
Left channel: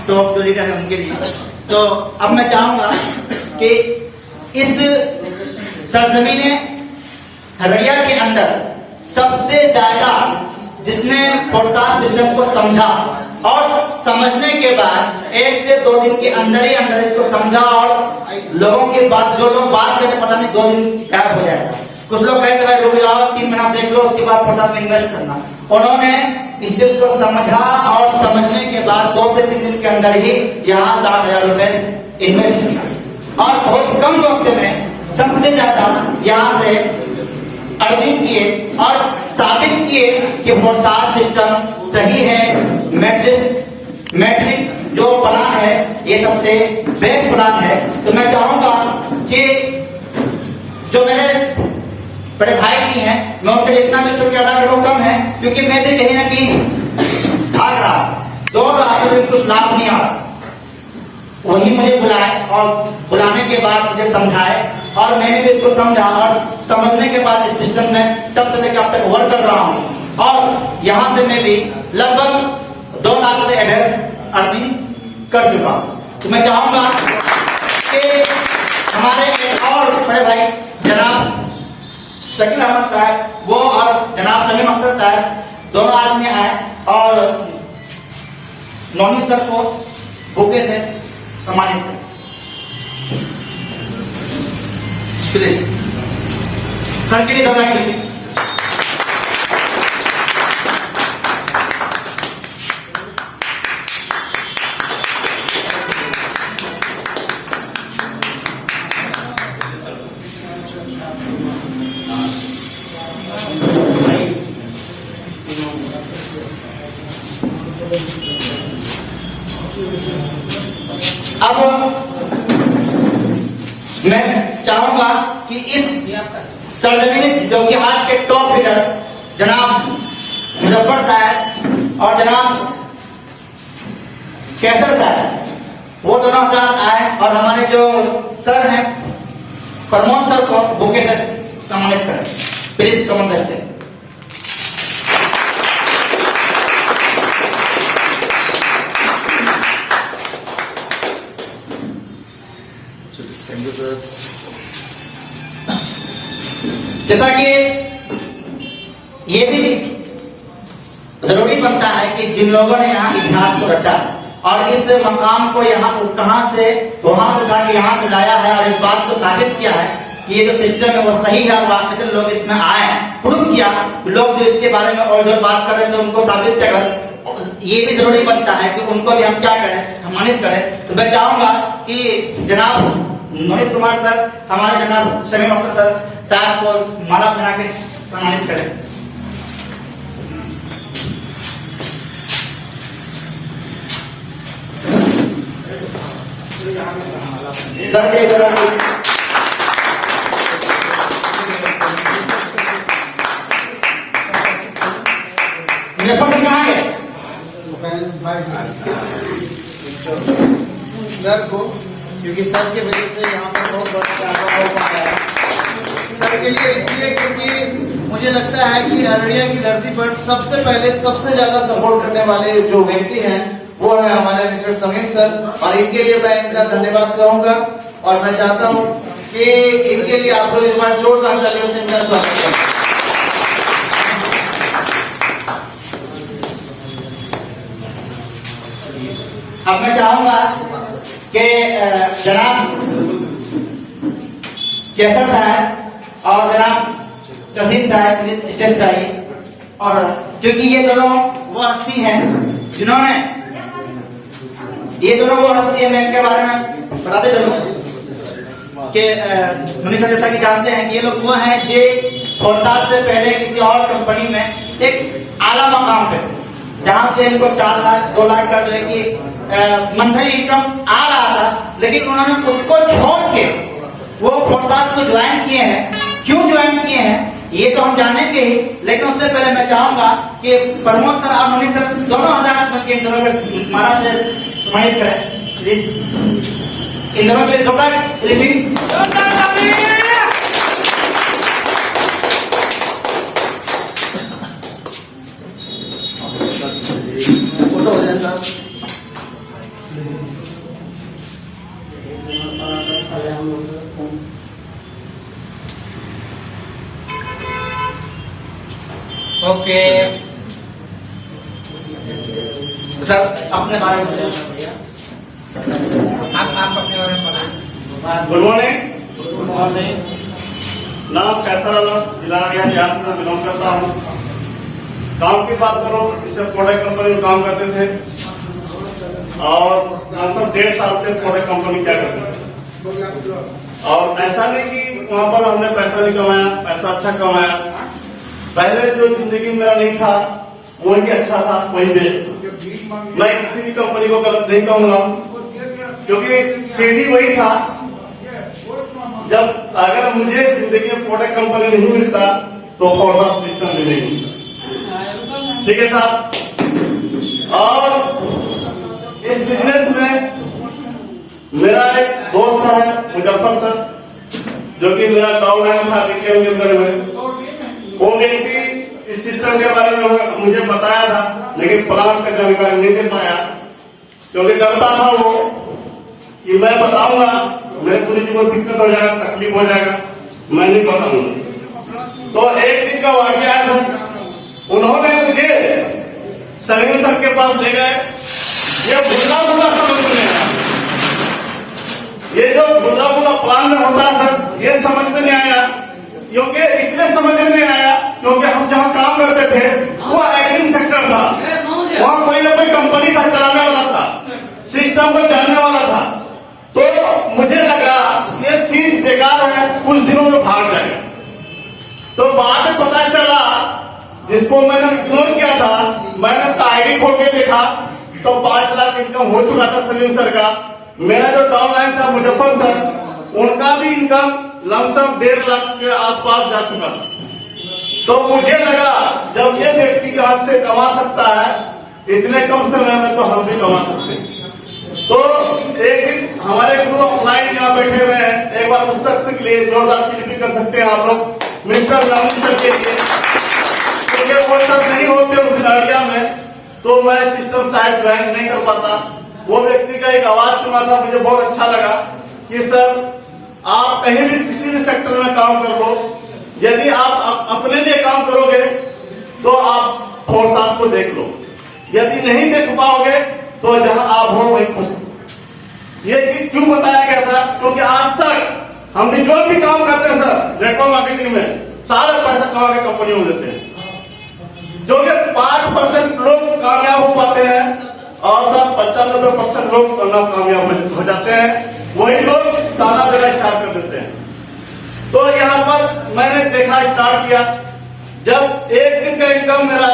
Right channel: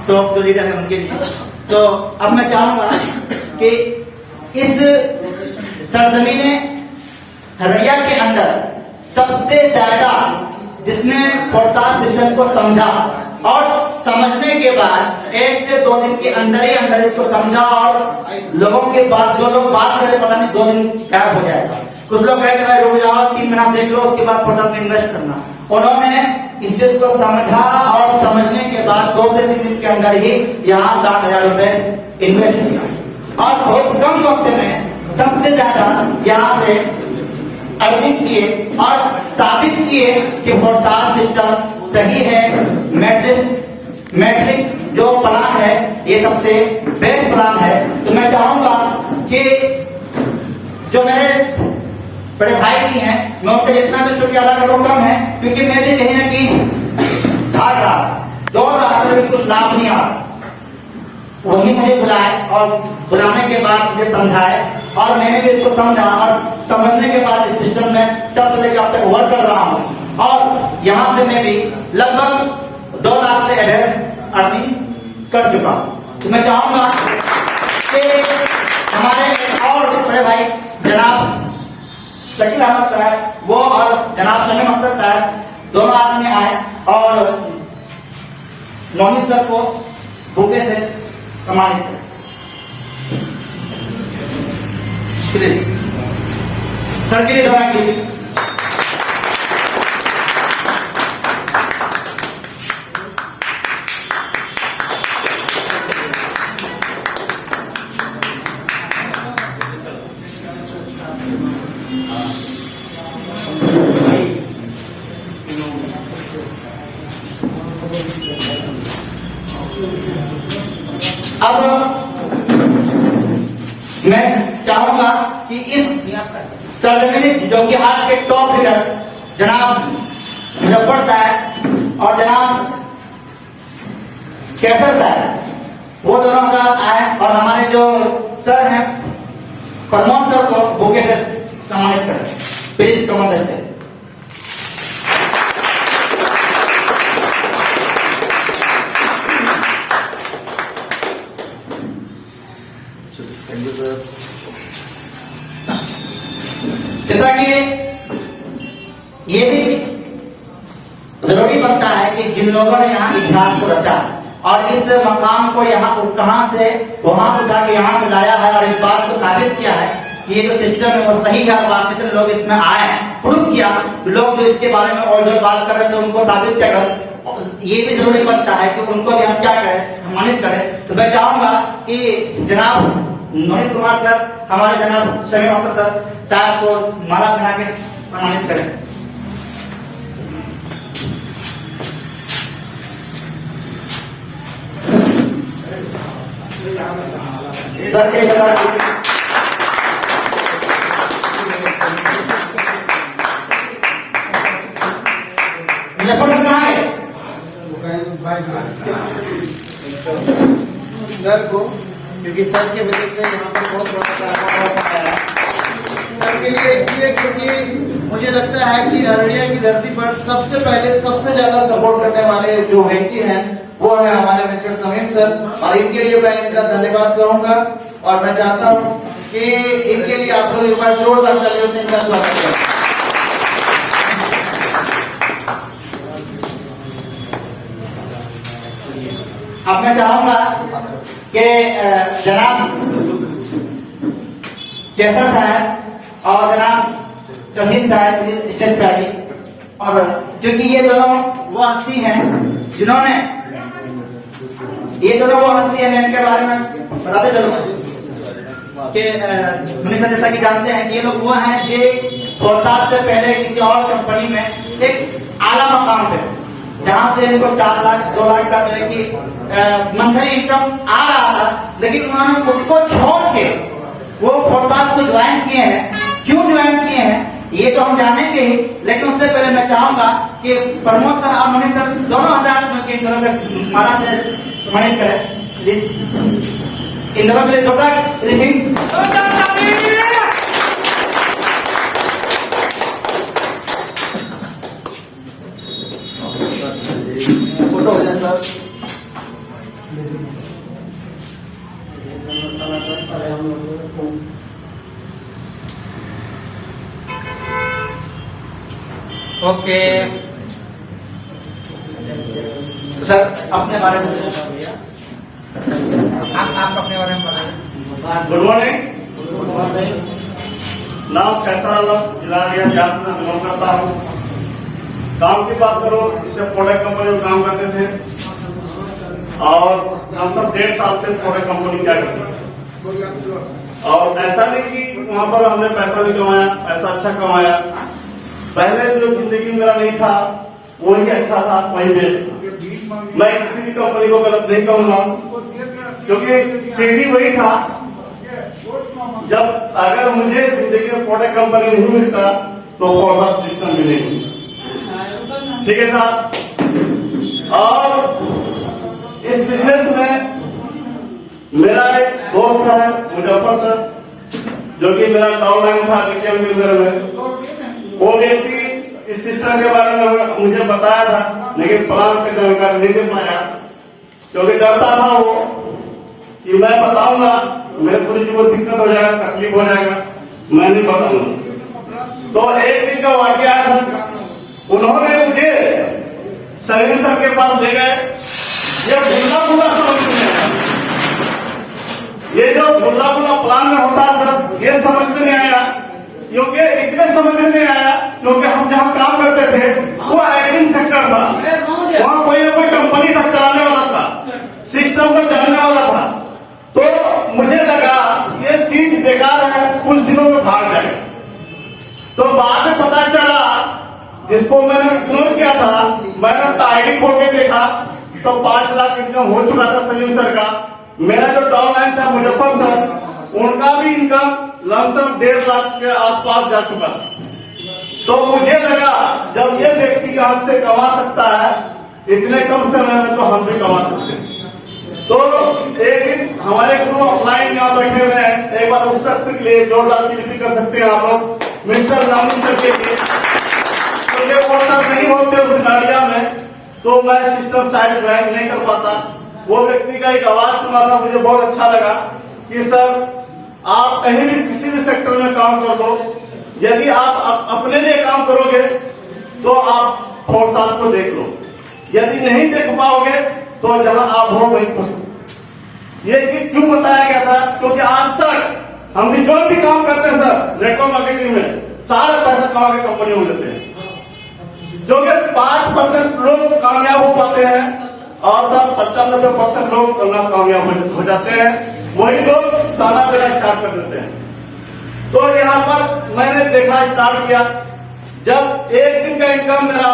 टॉप जो लीडर है उनके लिए। तो अब मैं चाहूंगा कि इस सरजमीने हरैया के अंदर सबसे ज्यादा जिसने फोर्सार सिस्टम को समझा और समझने के बाद 1 से 2 दिन के अंदर ही अंदर इसको समझा, और लोगों के बाद जो लोग बात करते पता नहीं 2 दिन गायब हो जाएगा। कुछ लोग कहते हैं रुक जाओ 3 महीना देख लो उसके बाद फोर्सार में इन्वेस्ट करना। उन्होंने इस चीज को समझा और समझने के बाद 2 से 3 दिन के अंदर ही यहाँ 60,000 रुपए इन्वेस्ट किया, और बहुत कम वक्त में सबसे ज्यादा यहाँ से अर्निंग किए और साबित किए कि फोर्सार सिस्टम सही है। मैट्रिक जो प्लान है ये सबसे बेस्ट प्लान है। तो मैं चाहूंगा कि जो मेरे बड़े भाई भी हैं, मैं उनके जितना भी शुक्रिया अदा करूँ कम है, क्योंकि मैं भी कहीं ना कहीं भाग रहा दौड़ रहा था, लेकिन कुछ लाभ नहीं आ। वही मुझे बुलाए और बुलाने के बाद मुझे समझाए, और मैंने भी इसको समझा, और समझने के बाद इस सिस्टम में तब से लेकर अब तक वर्क कर रहा हूँ, और यहाँ से मैं भी लगभग 2 लाख से एडेड अर्निंग कर चुका हूँ। तो मैं चाहूंगा कि हमारे और बड़े भाई जनाब शकील अहमद साहब वो और जनाब शमीम अख्तर साहब दोनों आदमी आए और नौनी सर को बुके से सम्मानित करें। सर के लिए दवा के लिए अब मैं चाहूंगा कि इस सरजमीन जो कि आज के टॉप लीडर जनाब मुजफ्फर साहब और जनाब कैसर साहब वो दोनों हजरात आए, और हमारे जो सर हैं प्रमोद सर को बुके से सम्मानित करें। Please Pramod sir. Thank you sir. जैसा कि ये भी जरूरी बनता है कि जिन लोगों ने यहाँ इतिहास को रचा और इस मकाम को यहाँ कहां से वहां से उठा के यहाँ से लाया है, और इस बात को साबित किया है कि ये जो सिस्टम है वो सही है, और वाकई लोग इसमें आए, प्रूव किया। लोग जो इसके बारे में और जो बात कर रहे थे उनको साबित करें, ये भी जरूरी बनता है कि उनको भी हम क्या करें, सम्मानित करें। तो मैं चाहूंगा कि जनाब मोहित कुमार सर, हमारे जनाब शमीम अख्तर सर साहब को माला पहना के सम्मानित करें। सर के मुझे पढ़ कहाँ है? सर को, क्योंकि सर की वजह से यहाँ पर बहुत बड़ा कारनामा हो पाया है। सर के लिए इसलिए क्योंकि मुझे लगता है कि अररिया की धरती पर सबसे पहले सबसे ज्यादा सपोर्ट करने वाले जो व्यक्ति हैं वो है हमारे मिस्टर समीम सर, और इनके लिए मैं इनका धन्यवाद कहूंगा। और मैं चाहता हूं कि इनके लिए आप लोग एक बार जोरदार तालियों से इनका स्वागत करें। अब मैं चाहूंगा कि जनाब केसर साहब और जनाब कसीम साहब स्टेज पे आइए। और क्योंकि ये दोनों वो हस्ती हैं जिन्होंने मैं इनके बारे में बताते चलो कि मुनीष सर जैसा कि जानते हैं कि ये लोग वो हैं जो फोर्टास से पहले किसी और कंपनी में एक आला मकाम पे, जहां से इनको 4 लाख 2 लाख का जो है कि मंथली इनकम आ रहा था, लेकिन उन्होंने उसको छोड़ के वो फोर्टास को ज्वाइन किए हैं। क्यों ज्वाइन किए हैं ये तो हम जानेंगे ही, लेकिन उससे पहले मैं चाहूंगा कि प्रमोद सर और मुनीष सर दोनों हजार के महाराज समाहित करें। इन दोनों के लिए जोरदार रिव्यू। फोटो हो जाए सर। ओके सर, अपने बारे में आप अपने बारे में बताइए। Good morning. नाम कैसा रहा, जिला बिहार में बिलोंग करता हूँ। काम की बात करो, इससे प्रोडक्ट कंपनी में काम करते थे और हम सब 1.5 साल से प्रोडक्ट कंपनी क्या करते थे। और ऐसा नहीं कि वहां पर हमने पैसा नहीं कमाया, पैसा अच्छा कमाया। पहले जो जिंदगी मेरा नहीं था वही अच्छा था, वही बेस्ट था। मैं किसी भी कंपनी को गलत नहीं कहूंगा, क्योंकि सीढ़ी वही था। जब अगर मुझे जिंदगी में प्रोडक्ट कंपनी नहीं मिलता तो फोर्टास सिस्टम मिलेगी। ठीक है साहब। और इस बिजनेस में मेरा एक दोस्त है मुजफ्फर सर, जो कि मेरा डाउनलाइन था डिटेल के अंदर में। वो व्यक्ति इस सिस्टम के बारे में मुझे बताया था, लेकिन प्लान का जानकारी नहीं दे पाया, क्योंकि डरता था वो कि मैं बताऊंगा मेरे पूरी को दिक्कत हो जाएगा, तकलीफ हो जाएगा, मैं नहीं बताऊंगा। तो एक दिन का वाकया है सर, उन्होंने मुझे सलीम सर के पास ले गए। ये भुल्ला भुल्ला समझ में आया, ये जो भुल्ला भुल्ला प्लान में होता है सर, ये समझ में नहीं आया। क्योंकि इसलिए समझ में नहीं आया क्योंकि हम जहां काम करते थे वो एग्री सेक्टर था, वहां कोई ना कोई कंपनी था चलाने वाला था, सिस्टम को जानने वाला था। तो मुझे लगा ये चीज बेकार है, कुछ दिनों में भाग जाएगा। तो बाद में पता चला, जिसको मैंने इग्नोर किया था, मैंने तो आईडी खोल के देखा तो 5 लाख इनकम हो चुका था सलीम सर का। मेरा जो डाउनलाइन था मुजफ्फर सर, उनका भी इनकम लमसम 1.5 लाख के आसपास जा चुका था। तो मुझे लगा जब ये व्यक्ति हाथ से कमा सकता है इतने कम समय में, तो हम भी कमा सकते हैं। तो एक दिन हमारे ग्रुप ऑफलाइन यहाँ बैठे हुए हैं, एक बार उस शख्स के लिए जोरदार क्लिपिंग कर सकते हैं आप लोग मिस्टर लालू सर के लिए, क्योंकि वो सब नहीं होते उस गाड़िया में तो मैं सिस्टम शायद ज्वाइन नहीं कर पाता। वो व्यक्ति का एक आवाज सुना था, मुझे बहुत अच्छा लगा कि सर आप कहीं भी किसी भी सेक्टर में काम कर दो, यदि आप अपने लिए काम करोगे तो आप फोर्सास को देख लो, यदि नहीं देख पाओगे तो जहां आप हो वहीं खुश। ये चीज क्यों बताया गया था, क्योंकि आज तक हम भी जो भी काम करते हैं सर नेटवर्क मार्केटिंग में, सारा पैसा कमा के कंपनी में देते हैं। जो कि 5% लोग कामयाब हो पाते हैं और सब 95% लोग नाकामयाब हो जाते हैं, वही लोग ताना देना स्टार्ट कर देते हैं। तो यहाँ पर मैंने देखा स्टार्ट किया, जब एक दिन का इनकम मेरा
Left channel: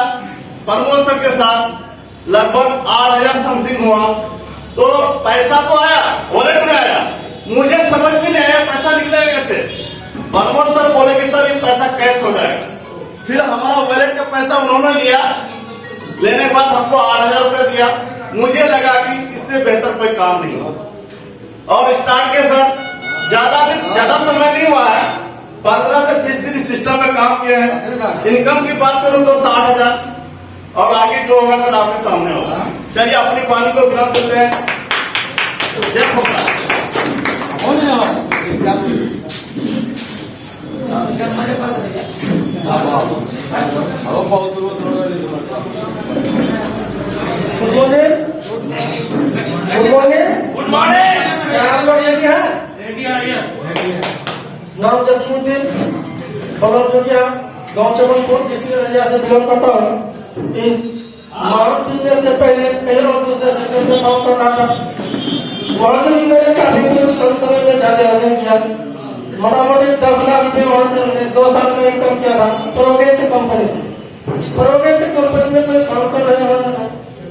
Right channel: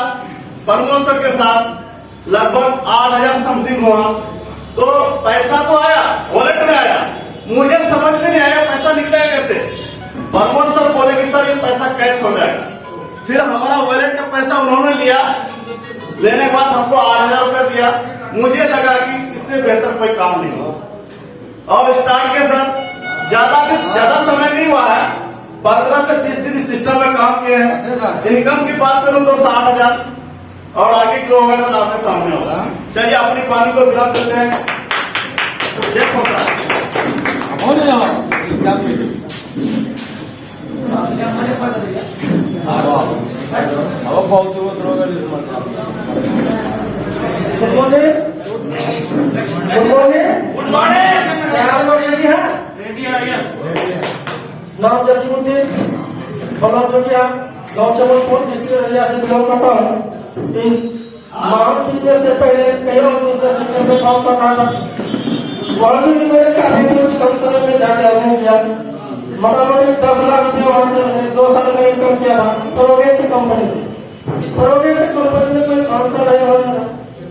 प्रमोद सर के साथ लगभग 8,000 समथिंग हुआ, तो पैसा तो आया, वॉलेट में आया, मुझे समझ में नहीं आया पैसा निकलेगा कैसे। प्रमोद सर बोले कि सर ये पैसा कैश हो जाएगा। फिर हमारा वॉलेट का पैसा उन्होंने लिया, लेने के बाद हमको 8,000 रुपये दिया। मुझे लगा कि इससे बेहतर कोई काम नहीं हो, और स्टार्ट के साथ ज्यादा समय नहीं हुआ है, 15 से 20 दिन इस सिस्टम में काम किए हैं। इनकम की बात करूं तो 60,000 और आगे जो होगा सर आपके सामने होगा। चलिए अपनी पानी को विराम देते हैं। जय होगा गुड मॉर्निंग। Good morning. क्या आप लोग रेडी हैं? नाम जसीमुद्दीन, फलौद जोगिया, गाँव चमनपुर, डिस्ट्रिक्ट एरिया से बिलोंग करता हूँ। इस मारुति में से पहले कई और दूसरे सेक्टर में काम कर रहा था। वहाँ से भी मैंने काफी कुछ कम समय में जाके अर्निंग किया। मोटामोटी 10 लाख रुपए वहाँ से मैंने 2 साल में इनकम किया था प्रोगेट कंपनी से। प्रोगेट कंपनी में कोई काम कर रहे हो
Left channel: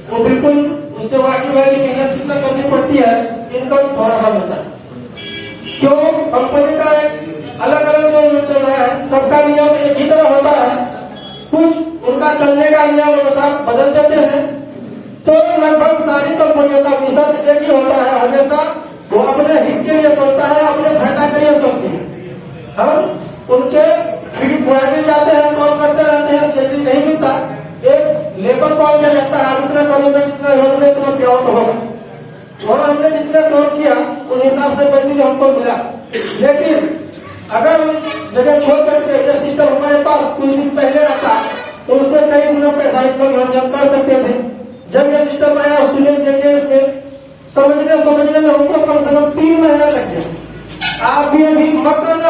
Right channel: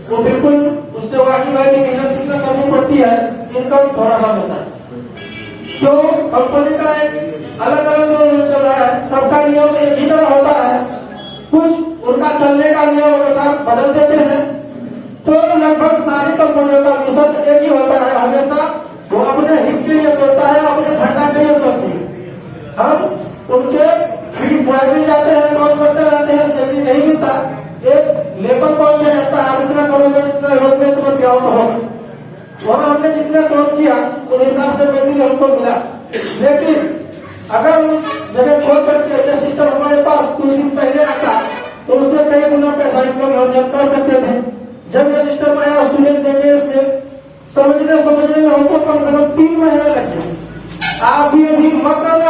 वो बिल्कुल उससे वाकई मेहनत कितना करनी पड़ती है, इनकम थोड़ा सा मिलता है। क्यों? कंपनी का एक अलग अलग जो चल रहा है, सबका नियम एक ही तरह होता है, कुछ उनका चलने का नियम अनुसार बदल देते हैं। तो लगभग सारी कंपनियों का मिशन एक ही होता है, हमेशा वो अपने हित के लिए सोचता है, अपने फायदा के लिए सोचती है। हम उनके फ्री भी जाते हैं, काम करते रहते हैं, सैलरी नहीं मिलता, एक लेबर पाउंड किया जाता है, इतना करोगे जितना होगा इतना पेआउट होगा। वहाँ हमने जितना काम किया उस हिसाब से पैसे हमको मिला। लेकिन अगर उस जगह छोड़ करके ये सिस्टम हमारे पास कुछ दिन पहले आता तो उससे कई गुना पैसा इनकम हासिल कर सकते थे। जब ये सिस्टम आया सुने देखे इसमें समझने में हमको कम से कम 3 महीना लग गया। आप भी अभी मत करना,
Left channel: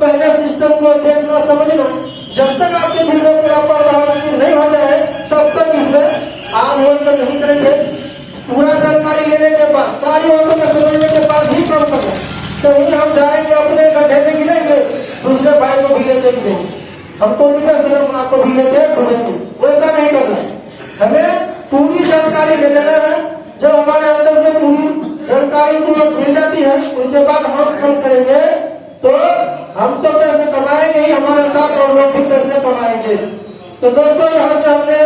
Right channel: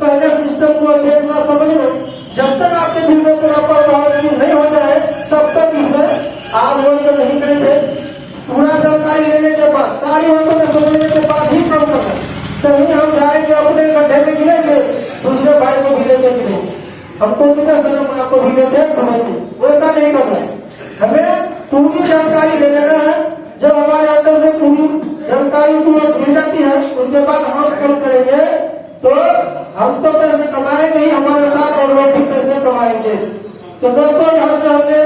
पहले सिस्टम को देखना समझना, जब तक आपके दिल में प्रॉपर नहीं हो जाए तब तक इसमें आप लोग नहीं करेंगे। पूरा जानकारी लेने के बाद, सारी बातों को समझने के बाद ही काम करना। कहीं हम जाएंगे अपने गड्ढे में गिरेंगे, दूसरे भाई को भी लेते गिरेंगे, हमको उनका सनम आपको भी लेते घूमेंगे, वैसा नहीं करना है। हमें पूरी जानकारी ले लेना है। जब हमारे अंदर से पूरी जानकारी को मिल जाती है उसके बाद हम काम करेंगे तो हम तो पैसे कमाएंगे ही हमारे साथ, और लोग भी पैसे कमाएंगे। तो दोस्तों यहाँ से हमने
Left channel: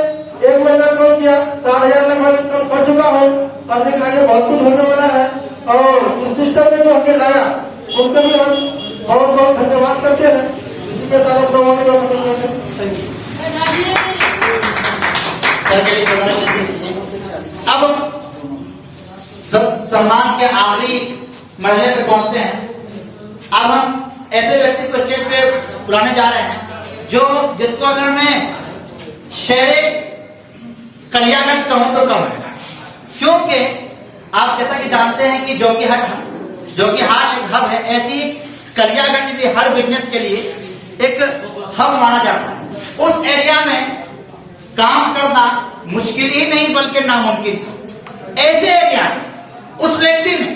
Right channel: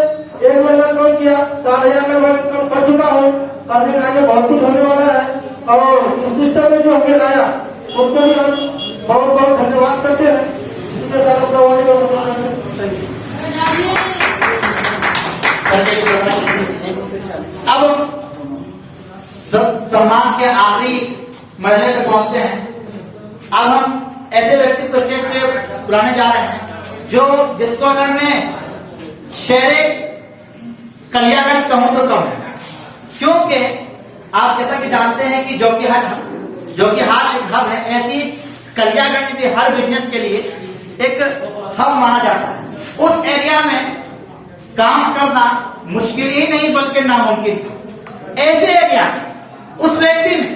1 महीना काम किया, 60,000 लगभग इनकम कर चुका हूँ। अर्निंग आगे बहुत कुछ होने वाला है, और इस सिस्टम में जो हमने लाया उनको भी हम बहुत बहुत धन्यवाद करते हैं। इसी के साथ हम लोगों ने अब सम्मान के आखिरी मरहले पे पहुंचते हैं। अब हम ऐसे व्यक्ति को स्टेज पे बुलाने जा रहे हैं जो जिसको अगर मैं शहर कल्याणगंज कहूं तो कम है, क्योंकि आप जैसा कि जानते हैं कि जो कि हाट एक हब है, ऐसी कल्याणगंज भी हर बिजनेस के लिए एक हब माना जाता है। उस एरिया में काम करना मुश्किल ही नहीं बल्कि नामुमकिन। ऐसे एरिया में उस व्यक्ति ने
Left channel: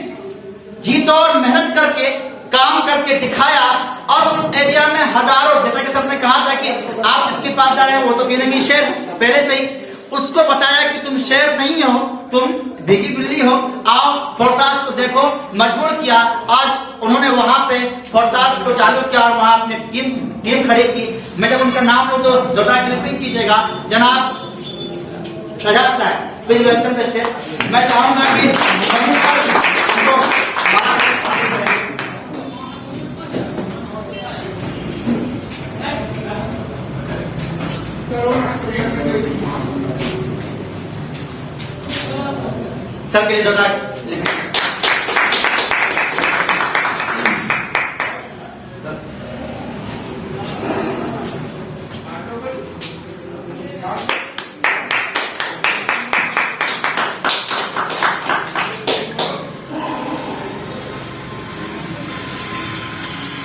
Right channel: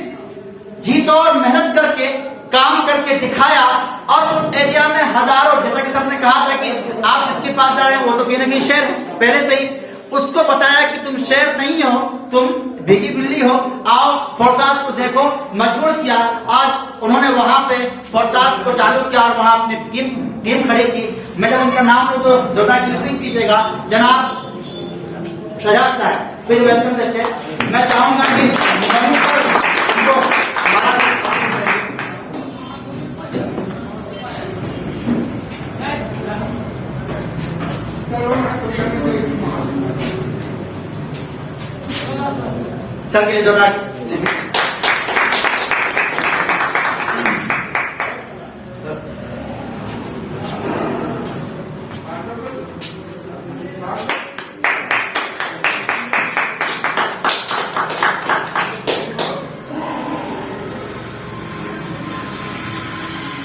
जी तौर मेहनत करके काम करके दिखाया, और उस एरिया में हजारों, जैसा कि सबने कहा था कि आप इसके पास जा रहे हैं वो तो कहीं नहीं शेर है, पहले से ही उसको बताया कि तुम शेर नहीं हो, तुम भीगी बिल्ली हो, आओ फोर्सास को देखो, मजबूर किया। आज उन्होंने वहां पे फोर्सास को चालू किया और वहां अपनी टीम खड़ी की। मैं जब उनका नाम लूं तो जोधा क्लिपिंग कीजिएगा। जनाब शजाद साहब, प्लीज वेलकम द स्टेज। मैं चाहूंगा कि सर के लिए जोड़ा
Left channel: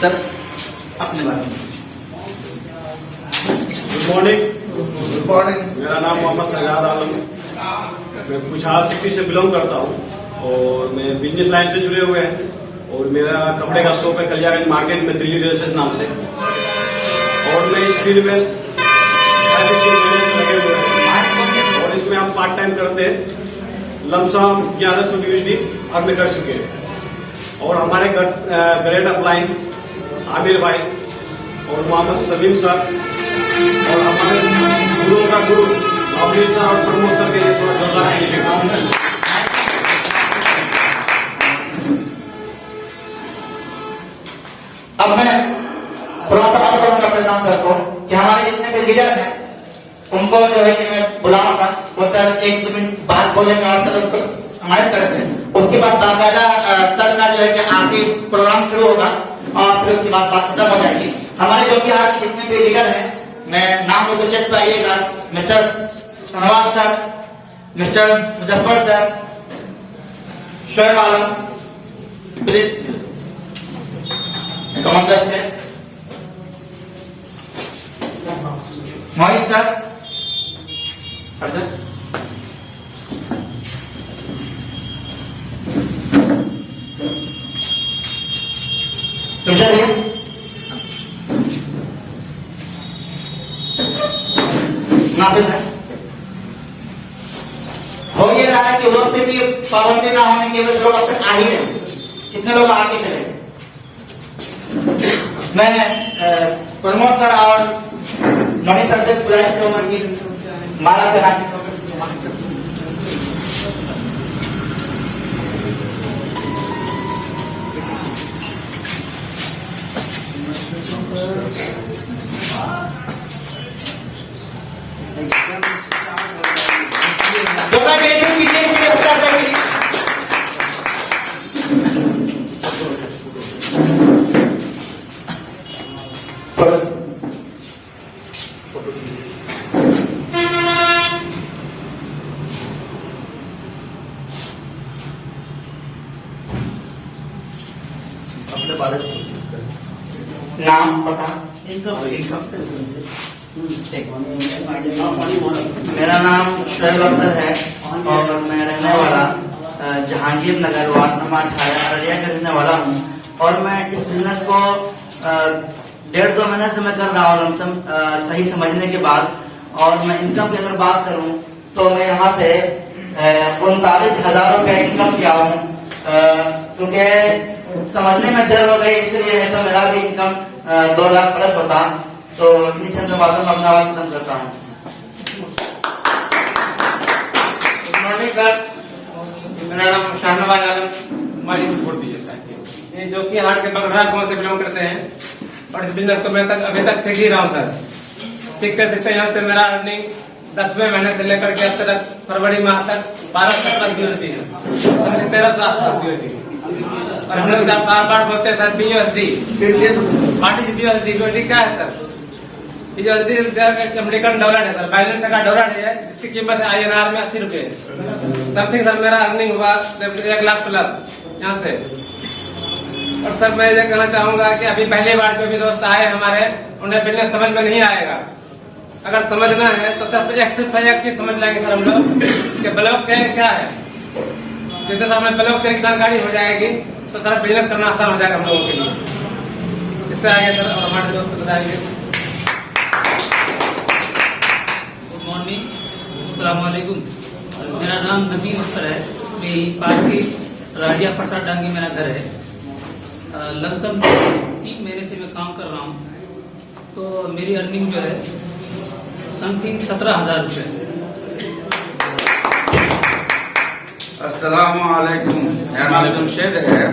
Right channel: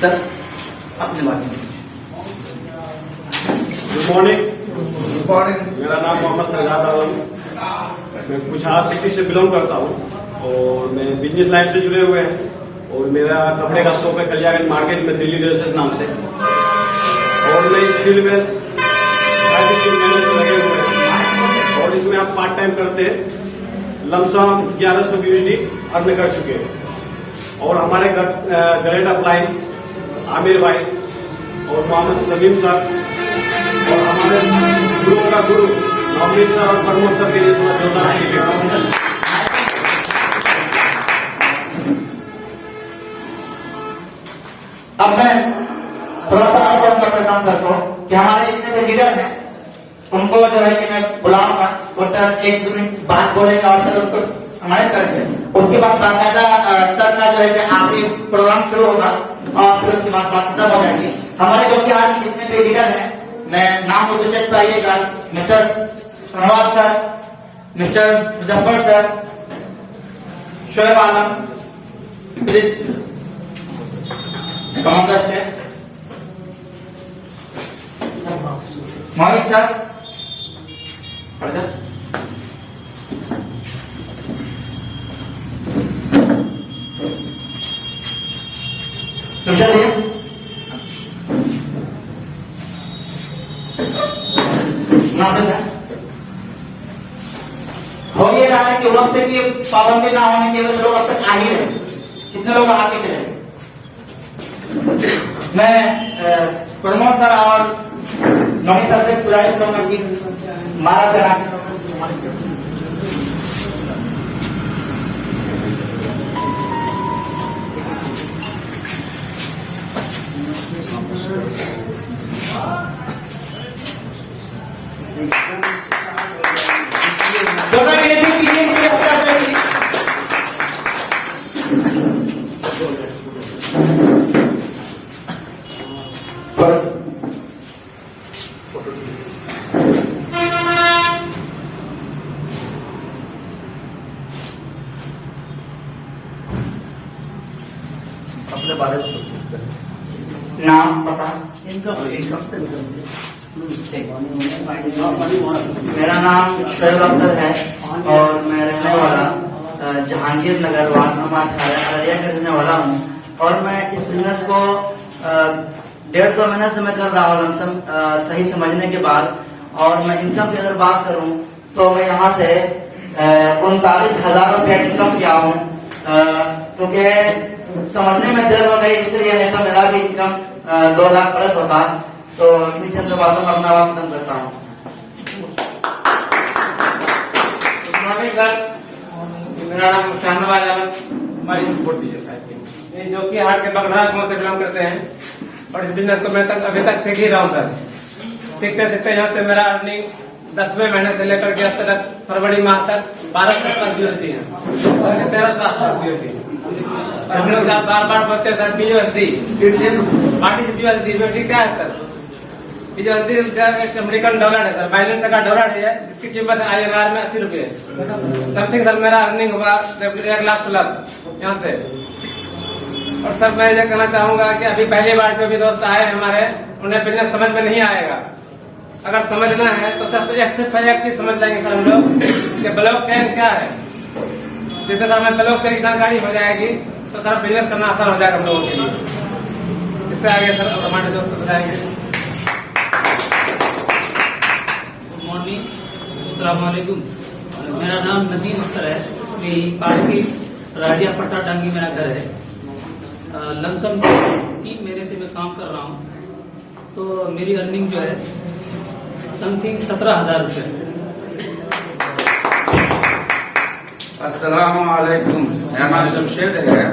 सर अपने बारे में। Good morning. मेरा नाम मोहम्मद सजाद आलम, मैं कुछार सिटी से बिलोंग करता हूँ और मैं बिजनेस लाइन से जुड़े हुए हैं, और मेरा कपड़े का शॉप है कल्याणगंज मार्केट में, दिल्ली ड्रेसेस नाम से। और मैं इस फील्ड में 3 महीने से लगे हुए हैं, और इसमें आप पार्ट टाइम करते हैं। लमसम 1100 USD अर्न कर चुके हैं। और हमारे ग्रेट अपलाइन आमिर भाई और मोहम्मद सलीम साहब और हमारे गुरुओं का गुरु अमरीश सर और प्रमोद सर के लिए थोड़ा जोरदार प्रशांत सर को कि हमारे जितने भी लीडर हैं उनको जो है कि मैं बुलाऊंगा, वो सर 1-2 मिनट बात बोलेंगे और सर उनको सम्मानित करेंगे। उसके बाद बाकायदा सर का जो है कि आगे प्रोग्राम शुरू होगा और फिर उसके बाद बात खत्म हो जाएगी। हमारे जो कि आज जितने भी लीडर हैं, मैं नाम को चेक पर आइएगा, mister Shahnawaz sir, mister Muzaffar sir, Shoaib Alam, please commander है, मोहित सर, और सर तुषार भैया, नासिर है। हो ये रहा है कि वक्त की पाबंदी ना होने की वजह से लोग अक्सर आ ही रहे, कितने लोग आके चले। मैं प्रमोद सर और मणि सर से गुजारिश करूंगा कि माला करा के दोनों गेंद की गेम से अच्छा करेगी। अपने बारे में नाम पता, मेरा नाम शोएब अख्तर है और मैं रहने वाला जहांगीर नगर वार्ड नंबर 18 अररिया का रहने वाला हूँ। और मैं इस बिजनेस को 1.5-2 महीने से मैं कर रहा हूँ लमसम सही समझने के बाद। और मैं इनकम की अगर बात करूँ तो मैं यहाँ से 39,000 रुपया इनकम किया हूँ, क्योंकि समझने में देर हो गई, इसलिए है तो मेरा भी इनकम 2 लाख प्लस होता। तो इतनी चंद बातों में अपना बात खत्म करता हूँ। गुड मॉर्निंग सर, मेरा नाम शहनवाज आलम। ये जो कि हाट के बगड़ाट गांव से बिलोंग करते हैं और इस बिजनेस को मैं अभी तक सीख ही रहा हूँ सर। सीखते सीखते यहाँ से मेरा अर्निंग 10वें महीने से लेकर के अब तक फरवरी माह तक 1200 तक भी होती है, समझे 1300 आसपास भी होती है। और हम लोग बार बार बोलते हैं sir BUSD, what is BUSD क्या है सर? BUSD अमेरिकन डॉलर है सर, बाइडेन का डॉलर है, जिसकी कीमत है INR में 80 रुपए समथिंग। सर मेरा अर्निंग हुआ 1 लाख प्लस यहाँ से। और सर मैं ये कहना चाहूंगा कि अभी पहली बार जो भी दोस्त आए हमारे, उन्हें बिजनेस समझ में नहीं आएगा। अगर समझना है तो सर एक चीज समझ लेंगे सर हम लोग कि ब्लॉकचेन क्या है। जैसे सर हमें ब्लॉकचेन की जानकारी हो जाएगी तो सर बिजनेस करना आसान हो जाएगा हम लोगों के लिए। इससे आगे सर और हमारे दोस्त को बताएंगे। गुड मॉर्निंग, अस्सलाम वालेकुम। मेरा नाम नदीम अख्तर है, मेरी पास की राडिया फरसा डांगी मेरा घर है। लमसम 3 महीने से मैं काम कर रहा हूँ, तो मेरी अर्निंग जो है समथिंग 17,000 रुपये। अस्सलामुअलैकुम, मेरा नाम जमशेद है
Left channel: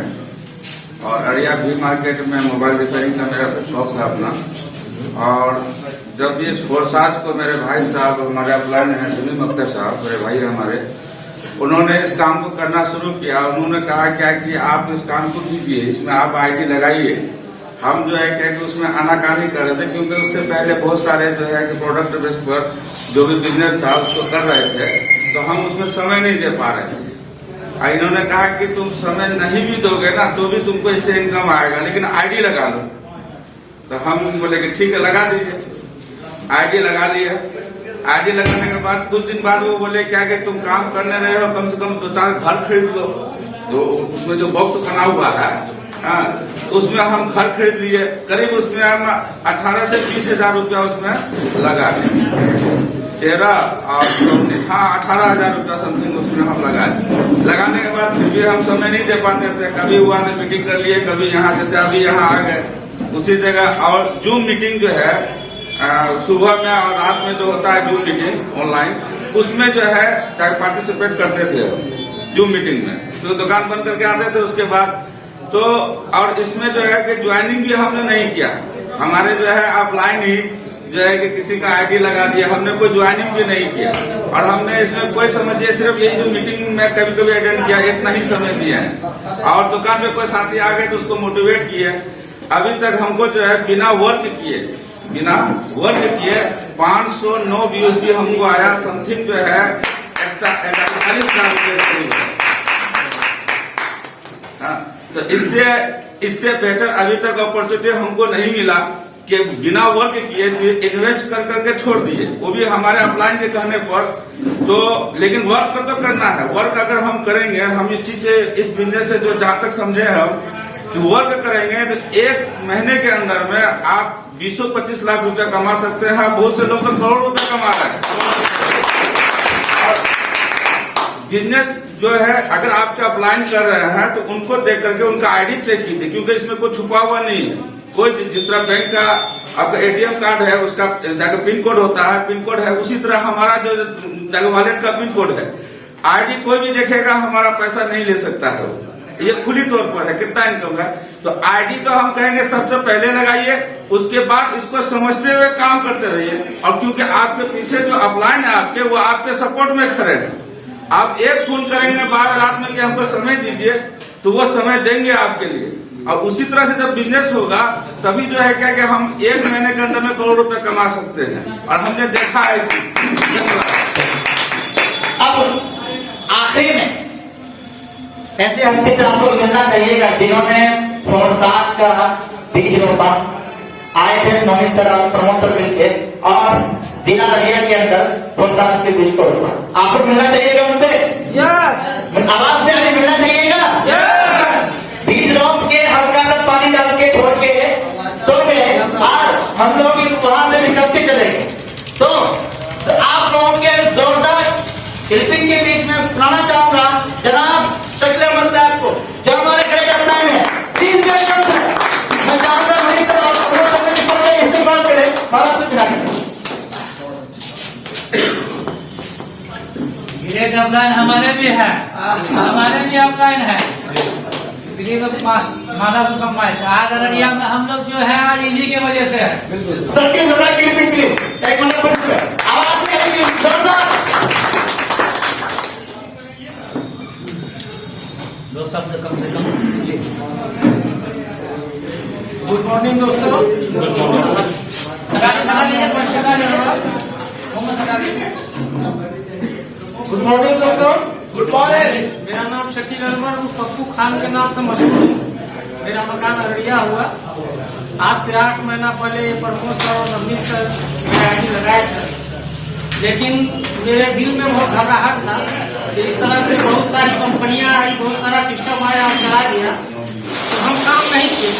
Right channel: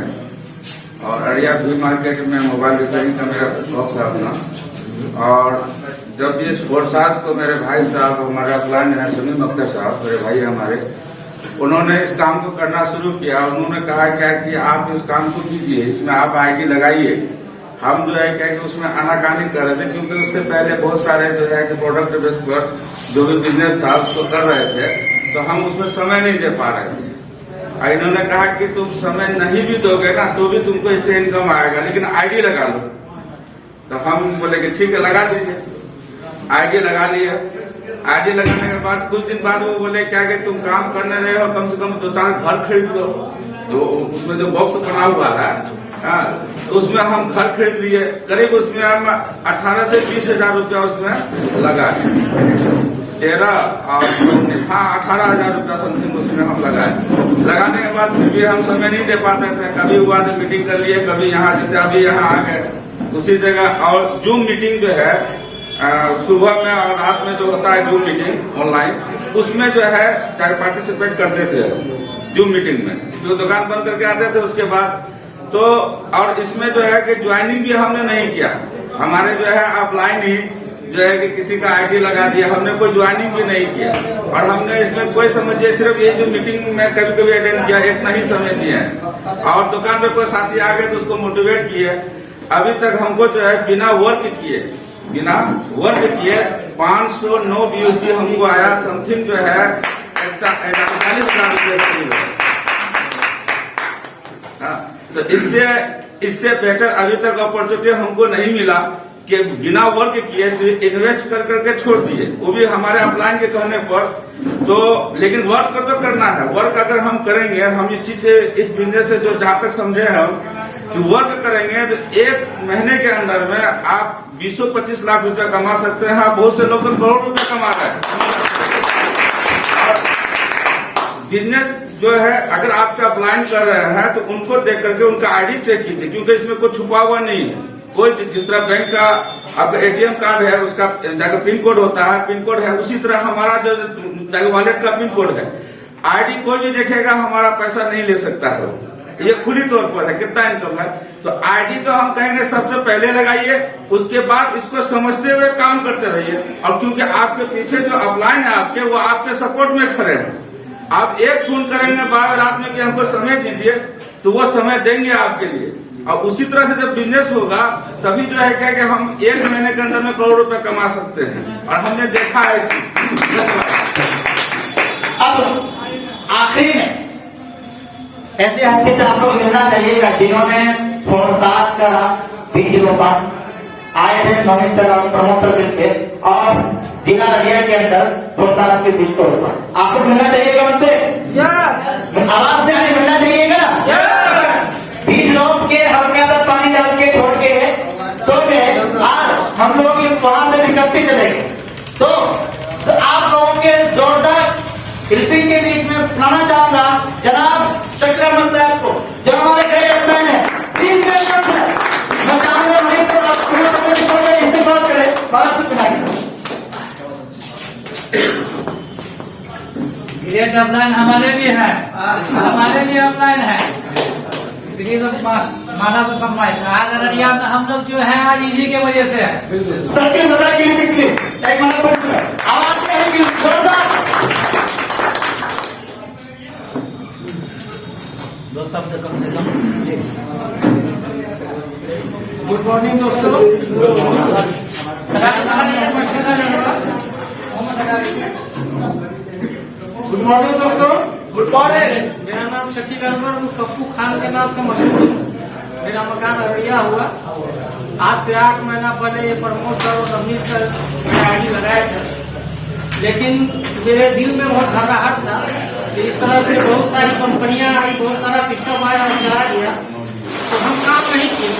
और अरिया भी मार्केट में मोबाइल रिपेयरिंग का मेरा शौक है अपना। और जब भी इस फोरसाज को मेरे भाई साहब, हमारे अपलाइन है समीम अख्तर साहब, मेरे भाई हमारे, उन्होंने इस काम को करना शुरू किया। उन्होंने कहा क्या कि आप इस काम को कीजिए, इसमें आप आईडी लगाइए। हम जो है क्या कि उसमें आनाकानी कर रहे थे, क्योंकि उससे पहले बहुत सारे जो है कि प्रोडक्ट बेस पर जो भी बिजनेस था उसको कर रहे थे, तो हम उसमें समय नहीं दे पा रहे थे। इन्होंने कहा कि तुम समय नहीं भी दोगे ना तो भी तुमको इससे इनकम आएगा, लेकिन आईडी लगा लो। तो हम बोले कि ठीक है लगा दीजिए। आईडी लगा लिया। आईडी लगाने के बाद कुछ दिन बाद वो बोले क्या कि तुम काम करने रहे हो, कम से कम 2-4 घर खरीद लो। तो उसमें जो बॉक्स बना हुआ है, तो उसमें हम घर खरीद लिए। करीब उसमें हम 18 से 20 हजार रुपया उसमें लगा, 18 हजार रुपया समथिंग उसमें हम लगाए। लगाने के बाद फिर भी हम समय नहीं दे पाते थे। कभी हुआ तो मीटिंग कर लिए, कभी यहाँ, जैसे अभी यहाँ आ गए उसी जगह। और जूम मीटिंग जो है सुबह में और रात में जो होता है जूम मीटिंग ऑनलाइन, उसमें जो है पार्टिसिपेट करते थे जूम मीटिंग में। तो दुकान बंद करके आते थे उसके बाद। तो और इसमें जो है कि ज्वाइनिंग भी हमने नहीं किया, हमारे जो है ऑफलाइन ही जो है कि किसी का आईडी लगा दिया, हमने कोई ज्वाइनिंग भी नहीं किया और हमने इसमें कोई समझिए सिर्फ यही जो मीटिंग में कभी कभी अटेंड किया इतना ही समय दिया है और दुकान पे कोई साथी आ गए तो उसको मोटिवेट किए। अभी तक हमको जो है बिना वर्क किए 509 व्यूज भी हमको आया, समथिंग जो है 41,000 रुपये। हाँ, तो इससे बेटर अभी तक अपॉर्चुनिटी हमको नहीं मिला कि बिना वर्क किए सिर्फ इन्वेस्ट कर करके छोड़ दिए, वो भी हमारे अपलाइन के कहने पर। तो लेकिन वर्क तो करना है, वर्क अगर हम करेंगे, हम इस चीज से इस बिजनेस से जो जहां तक समझे हम कि वर्क करेंगे तो एक महीने के अंदर में आप 20-25 लाख रुपया कमा सकते हैं। बहुत से लोग तो करोड़ रुपया कमा रहे हैं। और बिजनेस जो है अगर आपका अप्लाइन कर रहे हैं तो उनको देख करके उनका आईडी चेक कीजिए, क्योंकि इसमें कोई छुपा हुआ नहीं है। कोई जिस तरह बैंक का आपका एटीएम कार्ड है उसका जाकर पिन कोड होता है, पिन कोड है, उसी तरह हमारा जो वॉलेट का पिन कोड है। आईडी कोई भी देखेगा हमारा पैसा नहीं ले सकता है, ये खुली तौर पर है कितना इनकम है। तो आईडी तो हम कहेंगे सबसे पहले लगाइए, उसके बाद इसको समझते हुए काम करते रहिए। और क्योंकि आपके पीछे जो अपलाइन है आपके, वो आपके सपोर्ट में खड़े हैं। आप एक फोन करेंगे 12 रात में कि हमको समय दीजिए, तो वो समय देंगे आपके लिए। और उसी तरह से जब बिजनेस होगा तभी जो है क्या कि हम एक महीने के अंदर में करोड़ रुपए कमा सकते हैं, और हमने देखा है इस चीज। अब आखिरी में ऐसे हल्के से आप लोग मिलना चाहिएगा जिन्होंने फोरसाज का वीडियो पर आए थे नवीन सर और प्रमोद सर मिलके और जिला अररिया के अंदर फोरसाज के कुछ तौर पर आप लोग मिलना चाहिएगा उनसे। आवाज से आगे मिलना चाहिएगा। बीज रोप के हल्का सा पानी डाल के छोड़ के सो गए और हम लोग वहां से निकलते चले गए। तो आप लोगों के जोरदार हेल्पिंग के बीच में बुलाना चाहूंगा जनाब शकील अहमद साहब को, जो हमारे खड़े करते हैं 3 सेकंड से मैं चाहूंगा वहीं से आप इस्तेमाल करें। ये डेडलाइन हमारे भी है, हमारे भी अपलाइन है, इसलिए माला से सम्मान। आज अररिया में हम लोग जो है आज इन्हीं के वजह से है। सबके मजा की बिक्री एक मिनट आवाज में आएगी जोरदार। 2 शब्द कम से कम। गुड मॉर्निंग दोस्तों। गुड मॉर्निंग दोस्तों। Good morning. मेरा नाम शकील अहमद पप्पू खान के नाम से मशहूर हूँ। मेरा मकान अररिया हुआ। आज से 8 महीना पहले ये प्रमोद सर और नवनीत सर मेरा आईडी लगाए थे, लेकिन मेरे दिल में बहुत घबराहट था कि इस तरह से बहुत सारी कंपनियां आई, बहुत सारा सिस्टम आया और चला गया, तो हम काम नहीं किए।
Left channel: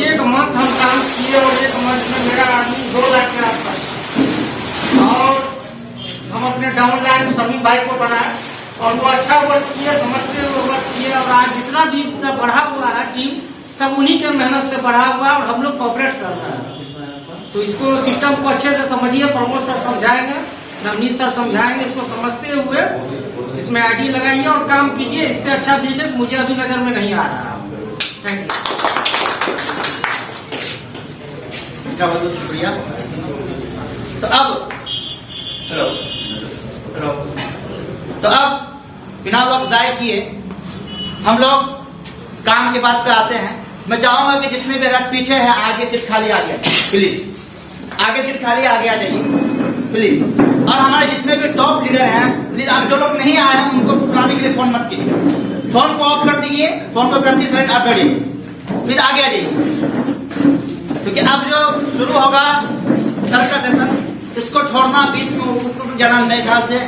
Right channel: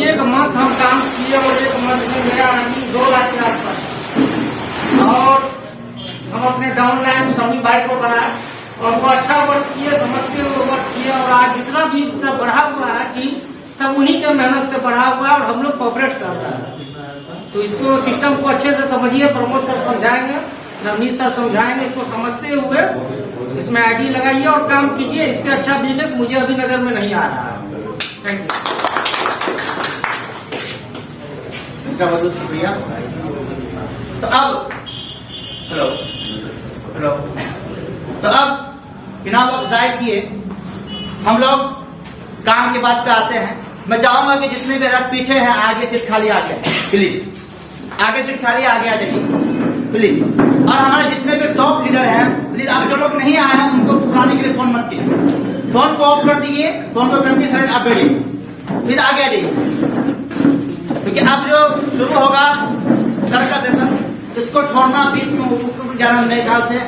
1 मंथ हम काम किए और 1 मंथ में मेरा आदमी 2 लाख के आसपास। और हम अपने डाउनलाइन समी भाई को बनाए और वो अच्छा वर्क किए, समझते हुए वर्क किए। और आज जितना भी इतना बढ़ा हुआ है टीम, सब उन्हीं के मेहनत से बढ़ा हुआ है और हम लोग कोऑपरेट कर रहे हैं। तो इसको सिस्टम को अच्छे से समझिए, प्रमोद सर समझाएंगे, नवनीत सर समझाएंगे। इसको समझते हुए इसमें आईडी लगाइए और काम कीजिए। इससे अच्छा बिजनेस मुझे अभी नजर में नहीं आ रहा है। Thank you. शुक्रिया। तो अब तो अब बिना वक्त जाए किए हम लोग काम की बात पे आते हैं। मैं चाहूंगा कि जितने भी आदमी पीछे हैं आगे सीट खाली आ जाए प्लीज। आगे सीट खाली आगे आ जाइए प्लीज। और हमारे जितने भी टॉप लीडर हैं प्लीज, आप जो लोग नहीं आए हैं उनको बुलाने के लिए फोन मत कीजिए, फोन को ऑफ कर दीजिए, फोन को कर दीजिए साइड, आप बैठिए प्लीज, आगे आ जाइए। क्योंकि अब जो शुरू होगा सर का सेशन, इसको छोड़ना भी जाना मेरे ख्याल से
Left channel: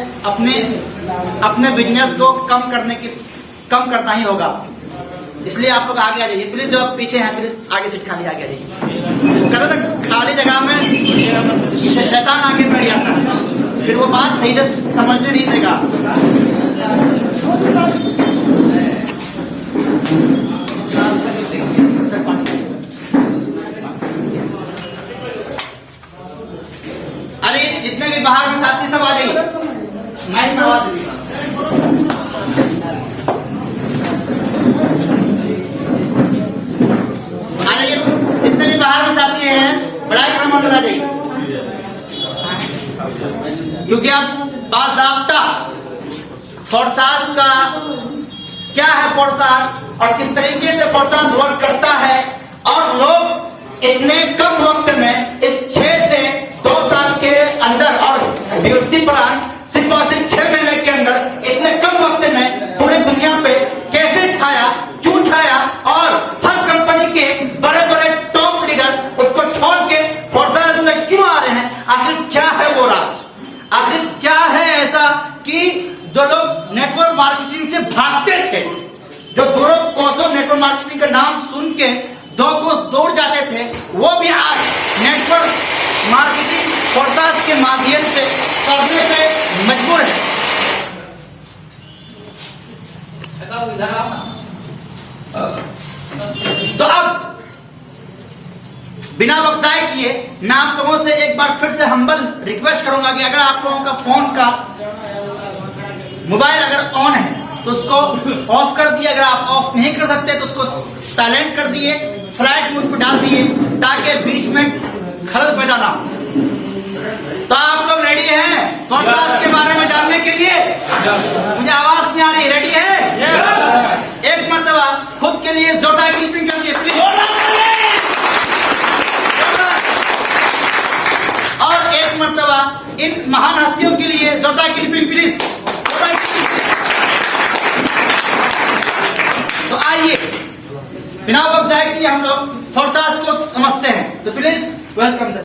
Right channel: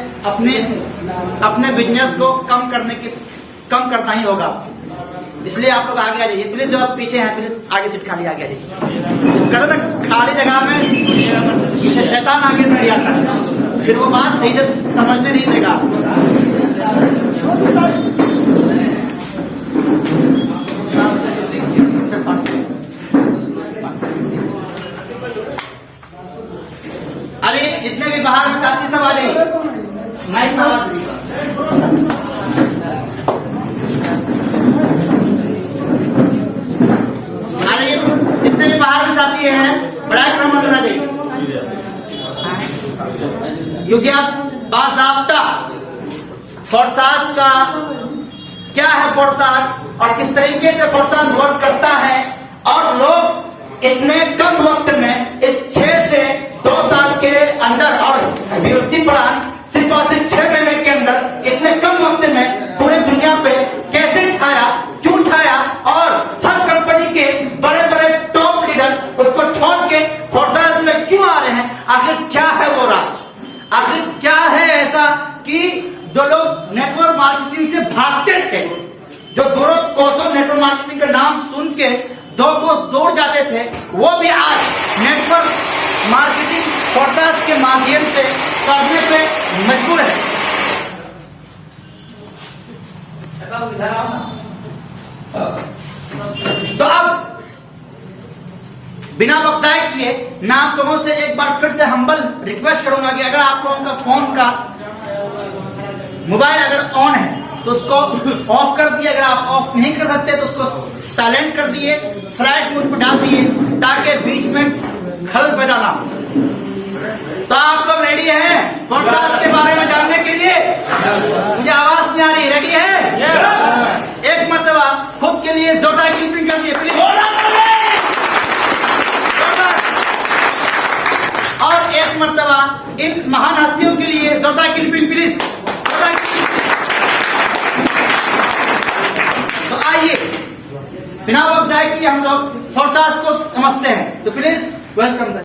अपने बिजनेस को कम करना ही होगा। इसलिए आप लोग आगे आ जाइए प्लीज। जो पीछे हैं प्लीज आगे सीट खाली आगे आ जाइए। कहते ना खाली जगह में शैतान आगे बैठ जाता है, फिर वो बात सही से समझने नहीं देगा। अरे जितने भी बाहर में साथी सब आ जाइए, माइक में आवाज दीजिए। जितने भी बाहर में पढ़ाई क्रम अंदर आ जाइए, क्योंकि अब बाज़ाब्ता फोर्सास का क्या है, फोर्सास और किस तरीके से फोर्सास वर्क करता है, और लोग इतने कम वक्त में इस 6 से 2 साल के अंदर और यूनिवर्सिटी प्लान सिर्फ और सिर्फ 6 महीने के अंदर इतने कम वक्त में पूरी दुनिया पे कैसे छाया, क्यों छाया, और हर कंपनी के बड़े बड़े टॉप लीडर उसको छोड़ के फोर्सास में क्यों आ रहे हैं, आखिर क्या है वो राज, आखिर क्या है ऐसा कि जो लोग नेटवर्क मार्केटिंग से भागते थे, जो दोनों कोसों नेटवर्क मार्केटिंग का नाम सुन के 2 कोस दौड़ जाते थे, वो भी आज नेटवर्क मार्केटिंग फोर्सास के माध्यम से करने पे मजबूर है। तो अब बिना बख्शाई किए मैं आप लोगों से एक बार फिर से हम्बल रिक्वेस्ट करूंगा कि अगर आप लोगों का फोन का मोबाइल अगर ऑन है तो उसको ऑफ कर दिए, अगर आप ऑफ नहीं कर सकते तो उसको साइलेंट कर दिए, फ्लाइट मोड पर डाल दिए, ताकि बीच में खलल पैदा ना हो। तो आप लोग रेडी हैं फोर्सास के बारे में जानने के लिए? मुझे आवाज नहीं आ रही, रेडी है? एक मर्तबा खुद के लिए जोरदार क्लिपिंग कर दिए प्लीज, और एक मर्तबा इन महान हस्तियों के लिए जोरदार क्लिपिंग प्लीज। तो आइए बिना वक्त जाए कि हम लोग फोर्सास को समझते हैं, तो प्लीज वेलकम।